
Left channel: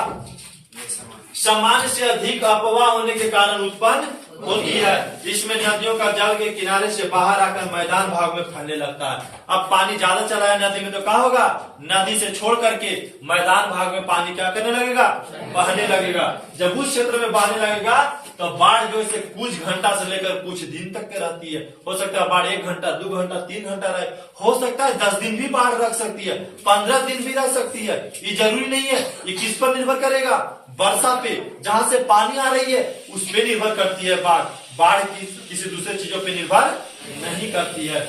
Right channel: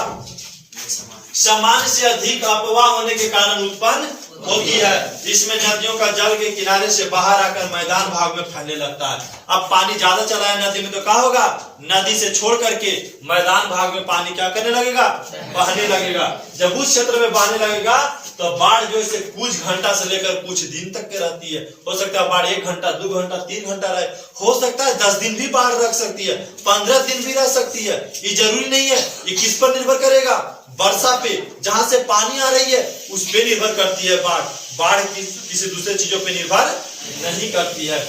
सामान्य से अधिक अपवाह होने के कारण उत्पन्न होती है। इसमें नदियों का जल के किनारे से बाहर आकर मैदान भाग में फैलने लगता है। अब पानी ज्यादा चला है नदी में तो क्या होगा, नदी से छोड़ करके मैदान भाग में पानी क्या करने लगेगा, बहने लगेगा। जब उस क्षेत्र में बहने लगेगा तो बाढ़ जो है कुछ घंटा से लेकर कुछ दिन तक के रहती है। हो सकता है बाढ़ 1 घंटा 2 घंटा 3 घंटा रहे, हो सकता है 10 दिन भी बाढ़ रख सकती है, 15 दिन भी रह सकती है। ये जरूरी नहीं है, ये किस पर निर्भर करेगा, वर्षा पे, जहां से पानी आ रही है उस पे निर्भर करती है बाढ़। बाढ़ किसी दूसरे चीजों पे निर्भर नहीं करती है।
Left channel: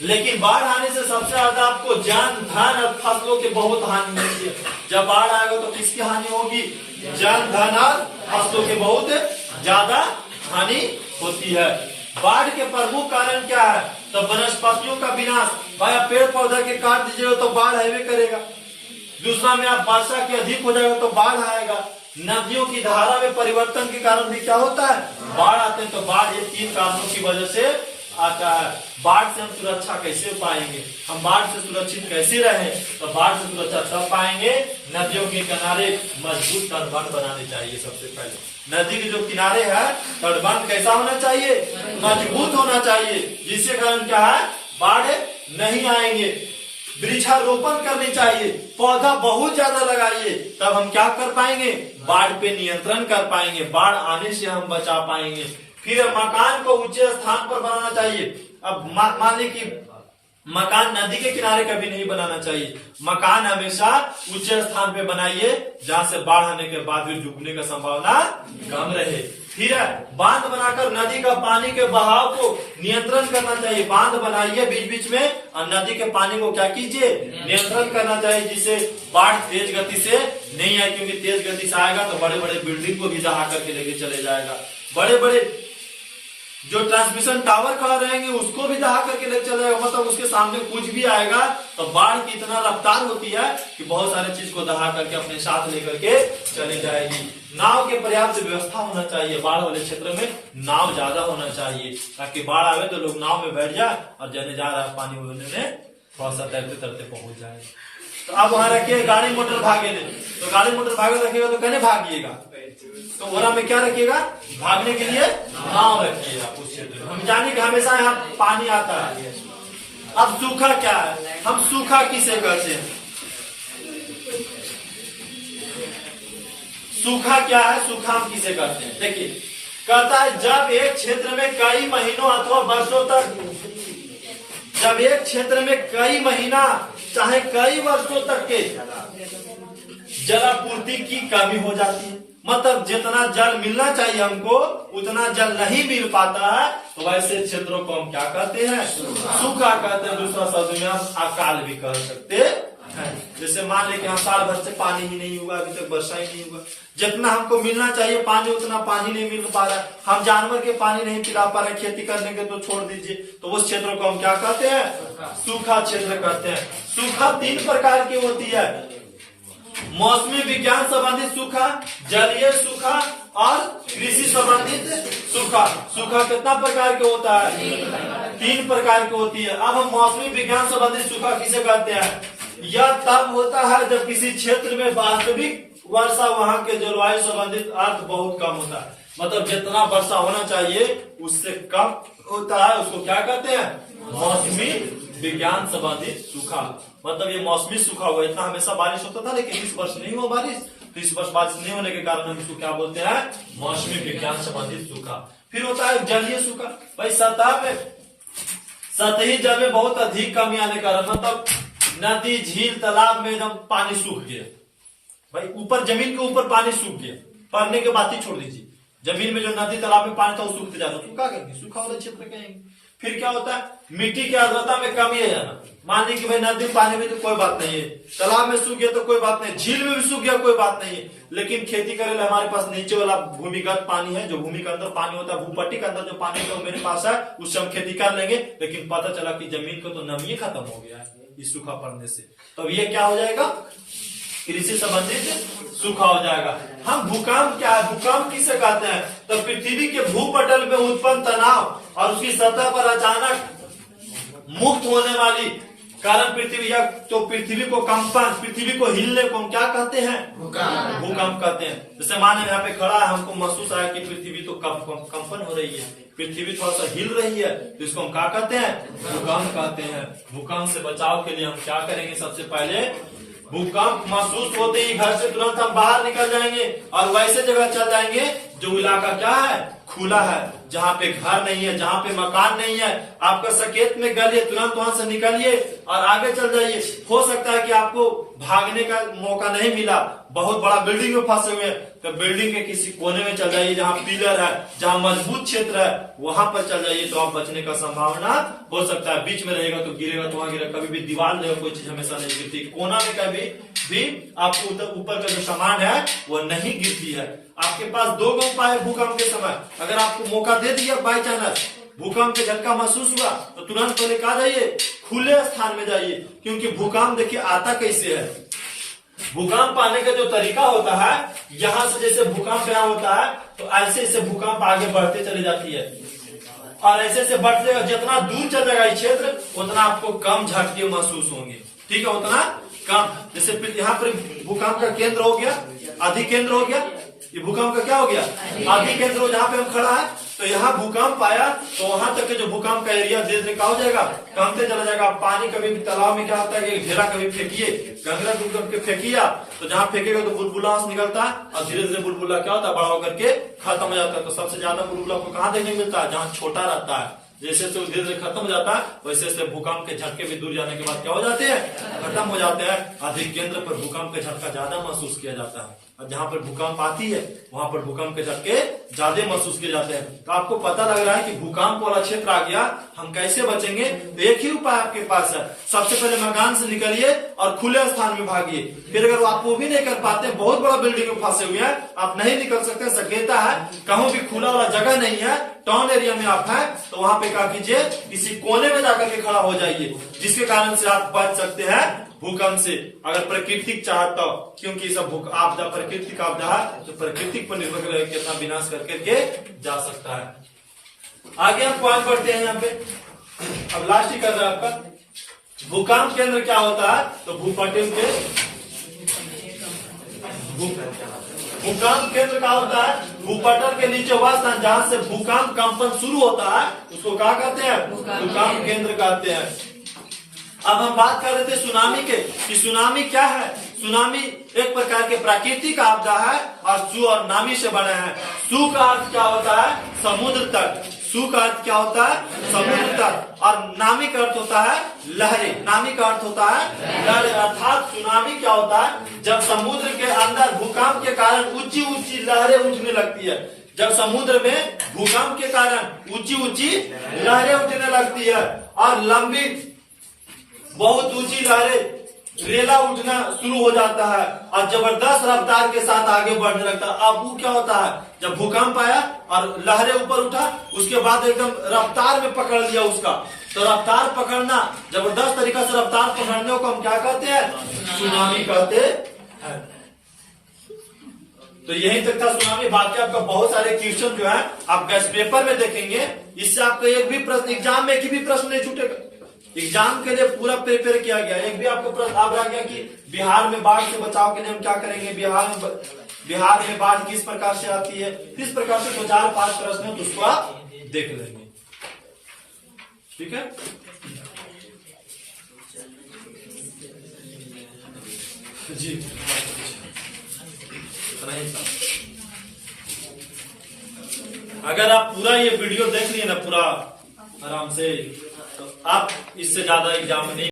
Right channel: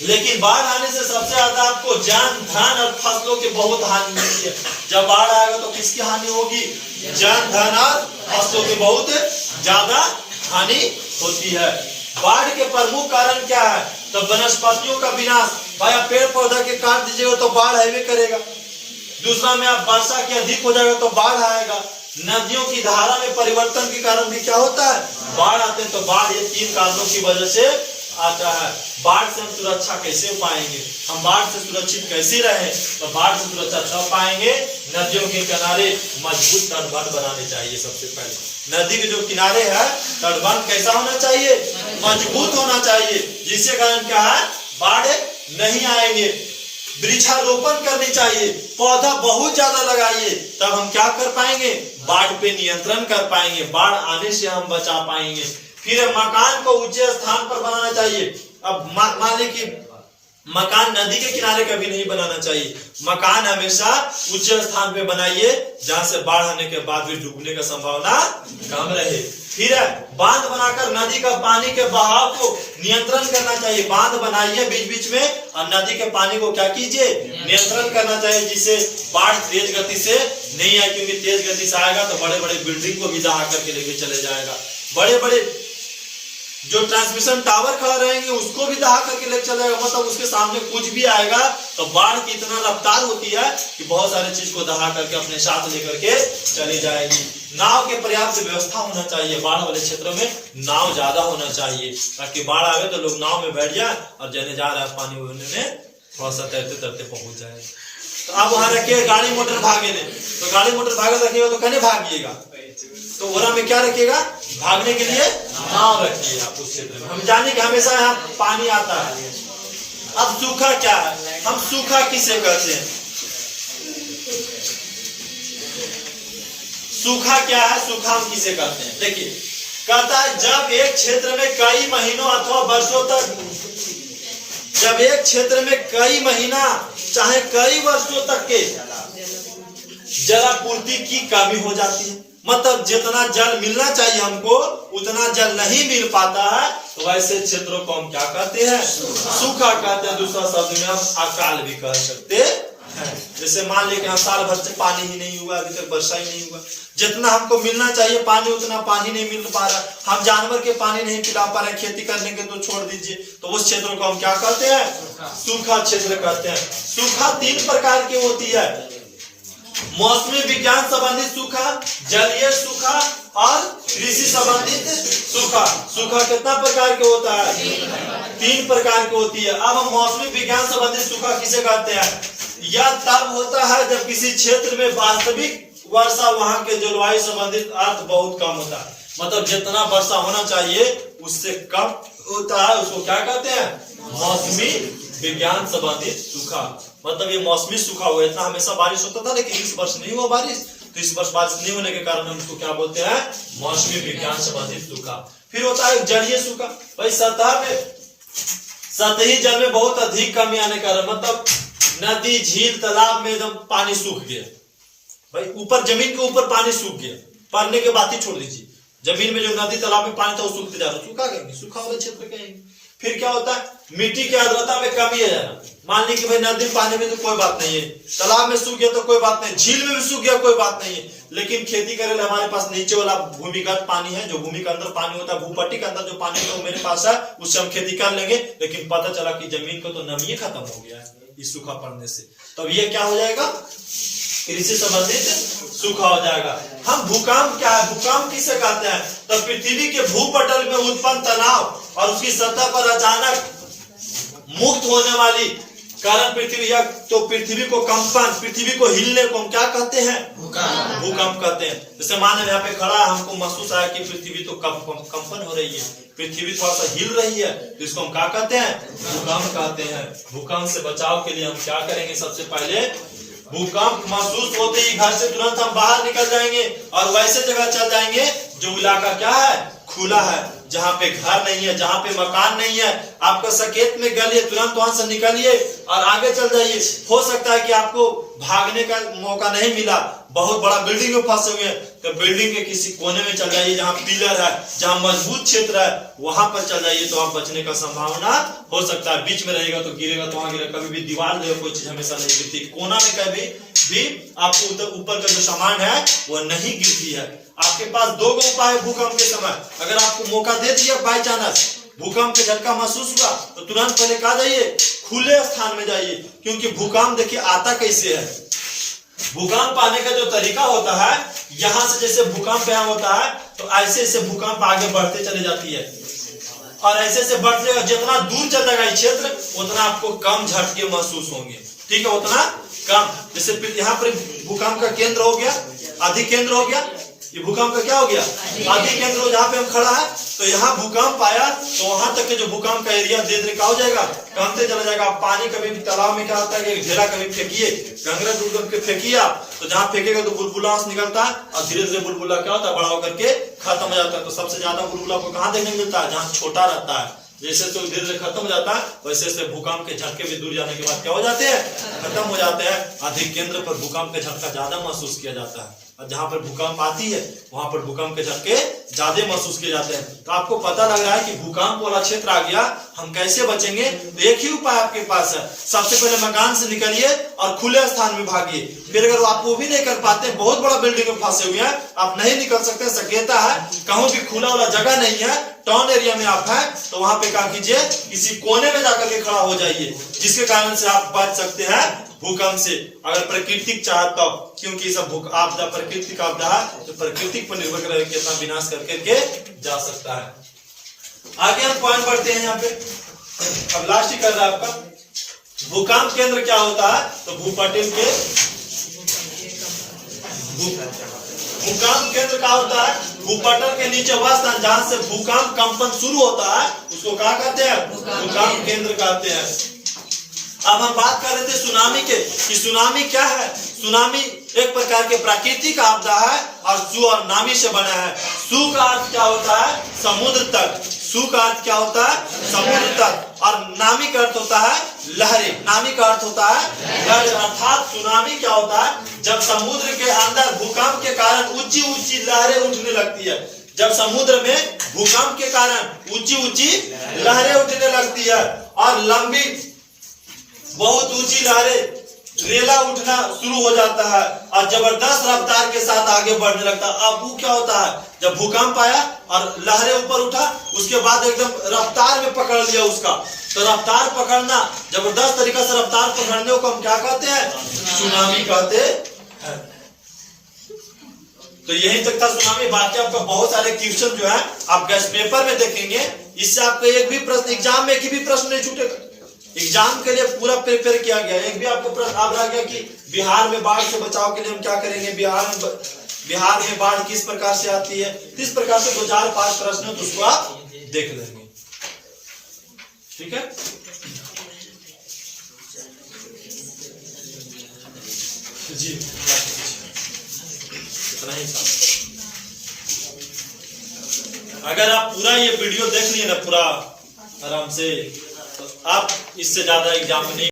लेकिन बाढ़ आने से सबसे ज्यादा आपको जान धन और फसलों की बहुत हानि होती है। जब बाढ़ आएगा तो किसकी हानि होगी, जान धन और फसलों की बहुत ज्यादा हानि होती है। बाढ़ के प्रमुख कारण क्या है, तो वनस्पतियों का विनाश। भाई आप पेड़ पौधा के काट दीजिएगा तो बाढ़ आवे करेगा। दूसरा में आप वर्षा की अधिक हो जाएगा तो बाढ़ आएगा। नदियों की धारा में परिवर्तन के कारण भी क्या होता है, बाढ़ आते हैं। तो बाढ़ ये 3 कारणों की वजह से आता है। बाढ़ से हम सुरक्षा कैसे पाएंगे, हम बाढ़ से सुरक्षित कैसे रहें, तो बाढ़ से सुरक्षा तब पाएंगे, नदियों के किनारे मजबूत तटबंध बनाने चाहिए। सबसे पहले नदी के जो किनारे है तटबंध कैसा होना चाहिए, मजबूत होना चाहिए, जिससे कारण क्या है, बाढ़ नहीं आएंगे। वृक्षारोपण करनी चाहिए, पौधा बहुत ज्यादा लगाइए, तब हम क्या कर पाएंगे, बाढ़ पे नियंत्रण कर पाएंगे, बाढ़ आने से हम बचा पाएंगे। फिर मकान को ऊंचे स्थान पर बनाना चाहिए। अब मान ली कि मकान नदी के किनारे कभी नहीं बनाना चाहिए, मकान हमेशा ऊंचे स्थान पे बनाइए जहां से बाढ़ आने के बाद भी डूबने का संभावना कम रहे। फिर बांध बनाकर नदी का पानी के बहाव को नियंत्रण करना चाहिए, बांध बनाइए बीच बीच में और नदी के पानी को क्या कीजिए, नियंत्रण करना चाहिए, जिससे बाढ़ तेज गति से नहीं आए, क्योंकि तेज गति से आएगा तो बड़े बड़े बिल्डिंग को भी दहा करके लेके चले जाएगा, बड़े बड़े जो ट्रांसमिशन टावर खड़ा रहेंगे उसको भी दहा करके लेके चले जाएगा, मतलब उसके सामने कुछ भी आएगा तो बाढ़ की इतना रफ्तार होती है कि बहुत सारे चीज को दहा करके अपने साथ लेकर के चली जाएगी। नाव के पर्याप्त व्यवस्था होना चाहिए, बाढ़ वाले क्षेत्रों में नाव ज्यादा होना चाहिए, ताकि बाढ़ आवे तो लोग नाव में बैठ जाए और जाने जा रहा है पानी होने में थोड़ा सा तैरते तैरते पहुंच जाए। तो अब वहां रखिए गाड़ी मोटर भागे, तो गाड़ी मोटर भागे रखिएगा तो कहने भागिएगा, तो ओरा में क्या रखिएगा, भागने के लिए नाव रखिए आप उस क्षेत्र में। हम जाने कि हमेशा यहाँ पानी आता है। अब सूखा क्या है, हम सूखा किसे कहते हैं, सूखा क्या है, सूखा हम किसे कहते हैं, देखिए कहता है जब एक क्षेत्र में कई महीनों अथवा वर्षों तक, जब एक क्षेत्र में कई महीना चाहे कई वर्षों तक के जलापूर्ति की कमी हो जाती है, मतलब जितना जल मिलना चाहिए हमको उतना जल नहीं मिल पाता है, तो वैसे क्षेत्रों को हम क्या कहते हैं, सूखा कहते हैं। दूसरा शब्द में हम अकाल भी कह सकते हैं। जैसे मान लें कि हम साल भर से पानी ही नहीं हुआ, अभी तक वर्षा ही नहीं हुआ, जितना हमको मिलना चाहिए पानी उतना पानी नहीं मिल पा रहा है, हम जानवर के पानी नहीं पिला पा रहे, खेती करने के तो छोड़ दीजिए, तो उस क्षेत्र को हम क्या कहते हैं, सूखा क्षेत्र कहते हैं। सूखा 3 प्रकार की होती है, मौसमी विज्ञान संबंधित सूखा, जलीय सूखा और कृषि संबंधित सूखा। सूखा कितना प्रकार के होता है, 3 प्रकार की होती है। अब हम मौसमी विज्ञान संबंधित सूखा किसे कहते हैं, यह तब होता है जब किसी क्षेत्र में वास्तविक वर्षा वहां के जलवायु संबंधित अर्थ बहुत कम होता है, मतलब जितना वर्षा होना चाहिए उससे कम होता है, उसको क्या कहते हैं, मौसमी विज्ञान संबंधित सूखा। मतलब ये मौसमी सूखा हुआ, इतना हमेशा बारिश होता था लेकिन इस वर्ष नहीं हुआ बारिश, तो इस वर्ष बारिश नहीं होने के कारण हम इसको क्या बोलते हैं, मौसमी विज्ञान संबंधित सूखा। फिर होता है जलीय सूखा, भाई सतह में सतही जल में बहुत अधिक कमी आने के कारण, मतलब नदी झील तालाब में एकदम पानी सूख गया, भाई ऊपर जमीन के ऊपर पानी सूख गया, पड़ने के बात ही छोड़ दीजिए, जमीन में जो नदी तालाब में पानी था वो सूखते जा रहा, सूखा कहेंगे, सूखा वाले क्षेत्र कहेंगे। फिर क्या होता है, मिट्टी की आर्द्रता में कमी है जाना, मान ली कि भाई नदी पानी में तो कोई बात नहीं है, तालाब में सूख गया तो कोई बात नहीं, झील में भी सूख गया कोई बात नहीं है, लेकिन खेती करे हमारे पास नीचे वाला भूमिगत पानी है, जो भूमि के अंदर पानी होता है, भूपट्टी के अंदर जो पानी होता है मेरे पास है, उससे हम खेती कर लेंगे, लेकिन पता चला कि जमीन को तो नमी खत्म हो गया है इस सूखा पड़ने से, तो ये क्या हो जाएगा, कृषि संबंधित सूखा हो जाएगा। हम भूकंप क्या है, भूकंप किसे कहते हैं, तो पृथ्वी के भूपटल में उत्पन्न तनाव और उसकी सतह पर अचानक मुक्त होने वाली कारण पृथ्वी, या तो पृथ्वी को कंपन, पृथ्वी को हिलने को हम क्या कहते हैं, भूकंप कहते हैं। जैसे मान यहाँ पे खड़ा है, हमको महसूस आया कि पृथ्वी तो कंपन हो रही है, पृथ्वी थोड़ा सा हिल रही है, तो इसको हम क्या कहते हैं, भूकंप कहते हैं। भूकंप से बचाव के लिए हम क्या करेंगे, सबसे पहले भूकंप महसूस होते ही घर से तुरंत हम बाहर निकल जाएंगे और वैसे जगह चल जाएंगे जो इलाका क्या है, खुला है, जहाँ पे घर नहीं है, जहाँ पे मकान नहीं है, आपका सकेत में गलिए, तुरंत वहां से निकलिए और आगे चल जाइए। हो सकता है कि आपको भागने का मौका नहीं मिला, बहुत बड़ा बिल्डिंग में फंसे हुए हैं, तो बिल्डिंग के किसी कोने में चल जाइए, जहाँ पिलर है, जहाँ मजबूत क्षेत्र है, वहां पर चल जाइए, तो आप बचने का संभावना हो सकता है। बीच में रहेगा तो गिरेगा, तो वहां गिरेगा, कभी भी दीवार रहेगा, कोई चीज हमेशा नहीं गिरती, कोना में कभी भी आपको ऊपर का जो सामान है वो नहीं गिरती है। आपके पास 2 उपाय है भूकंप के समय, अगर आपको मौका दे दिया बाई चांस भूकंप के झटका महसूस हुआ, तो तुरंत पहले कहा जाइए खुले स्थान में जाइए, क्योंकि भूकंप देखिए आता कैसे है, भूकंप आने का जो तरीका होता है, यहां से जैसे भूकंप यहाँ होता है तो ऐसे ऐसे भूकंप आगे बढ़ते चली जाती है, और ऐसे ऐसे बढ़ते जाएगा, जितना दूर चल जाएगा क्षेत्र उतना आपको कम झटके महसूस होंगे, ठीक है, उतना कम। जैसे यहाँ पर भूकंप का केंद्र हो गया, अधिक केंद्र हो गया, ये भूकंप का क्या हो गया, अधिक केंद्र हो, जहाँ पे हम खड़ा है तो यहाँ भूकंप आया तो वहां तक के जो भूकंप का एरिया धीरे धीरे क्या हो जाएगा, कमते चला जाएगा। पानी कभी भी तालाब में क्या होता है, घेरा कभी फेंकिए, गंगरा डूब के फेंकिए तो जहाँ फेंकेगा तो बुलबुला निकलता है और धीरे धीरे बुलबुला क्या होता है, बड़ा होकर के खत्म हो जाता है। तो सबसे ज्यादा बुलबुला को कहाँ देखने को मिलता है, जहाँ छोटा रहता है। जैसे तो धीरे धीरे खत्म हो जाता है वैसे वैसे भूकंप के झटके भी दूर जाने के बाद क्या हो जाते हैं, खत्म हो जाते हैं। अधिक केंद्र पर भूकंप का झटका ज्यादा महसूस किया जाता है और जहां पर भूकंप आती है वहां पर भूकंप के झटके ज्यादा महसूस किए जाते हैं। तो आपको पता लग रहा है कि भूकंप वाला क्षेत्र आ गया, हम कैसे बचेंगे। तो एक ही उपाय आपके पास है, सबसे पहले मकान से निकलिए और खुले स्थान में भागिए। फिर अगर आप वो भी नहीं कर पाते, बहुत बड़ा बिल्डिंग में फंसे हुए हैं, आप नहीं निकल सकते, सकेता है, कहीं भी खुला वाला जगह नहीं है, टाउन एरिया में आप हैं, तो वहां पे क्या कीजिए, किसी कोने में जाकर के खड़ा हो जाइए, जिसके कारण से आप बच सकते हैं भूकंप से। अगर प्राकृतिक चाहता हो, क्योंकि सब आपदा प्राकृतिक आपदा है तो प्राकृतिक पर निर्भर कर कितना विनाश करके जा सकता है। आगे हम पॉइंट बढ़ते हैं यहाँ पे, अब लास्ट ही कर रहा है आपका भूकंप केंद्र क्या होता है। तो भूपटल के भूकंप केंद्र क्या होता है, भूपटल के नीचे वह स्थान जहां से भूकंप कंपन शुरू होता है उसको क्या कहते हैं, भूकंप केंद्र कहते हैं। अब हम बात कर रहे थे सुनामी के, कि सुनामी क्या है। सुनामी एक प्रकार के प्राकृतिक आपदा है और सु और नामी से बना है। सु का अर्थ क्या होता है, समुद्र तट। सु का अर्थ क्या होता है, समुद्र तट, और नामी का अर्थ होता है लहरें। नामी का अर्थ होता है लहरें, अर्थात सुनामी क्या होता है, जब समुद्र के अंदर भूकंप के कारण ऊंची ऊंची लहरें उठने लगती है। जब समुद्र में भूकंप के कारण ऊंची ऊंची लहरें उठने लगती है और लंबी बहुत ऊंची लहरें, रेला उठना शुरू हो जाता है और जबरदस्त रफ्तार के साथ आगे बढ़ने लगता है। अब वो क्या होता है, जब भूकंप आया और लहरें ऊपर उठा, उसके बाद एकदम रफ्तार में पकड़ लिया उसका, तो रफ्तार पकड़ना, जबरदस्त तरीका से रफ्तार पकड़ने को हम क्या कहते हैं, सुनामी कहते हैं। तो यही तक था सुनामी। बाकी आपका बहुत सारे क्वेश्चन जो है आप गैस पेपर में देखेंगे, इससे आपका एक भी प्रश्न एग्जाम में एक भी प्रश्न नहीं छूटेगा। एग्जाम के लिए पूरा प्रिपेयर किया गया। एक भी आपको प्रश्न आप रह गया कि बिहार में बाढ़ से बचाव के लिए हम क्या करेंगे, बिहार में बाढ़ किस प्रकार से आती है, इस प्रकार से 2-4-5 प्रश्न है, तो उसको आप देख लेंगे। ठीक है, जी इतना ही था। अगर आप पूरा ये वीडियो देख लिए ना पूरा आराम से, तो आप इससे ज्यादा एग्जाम में नहीं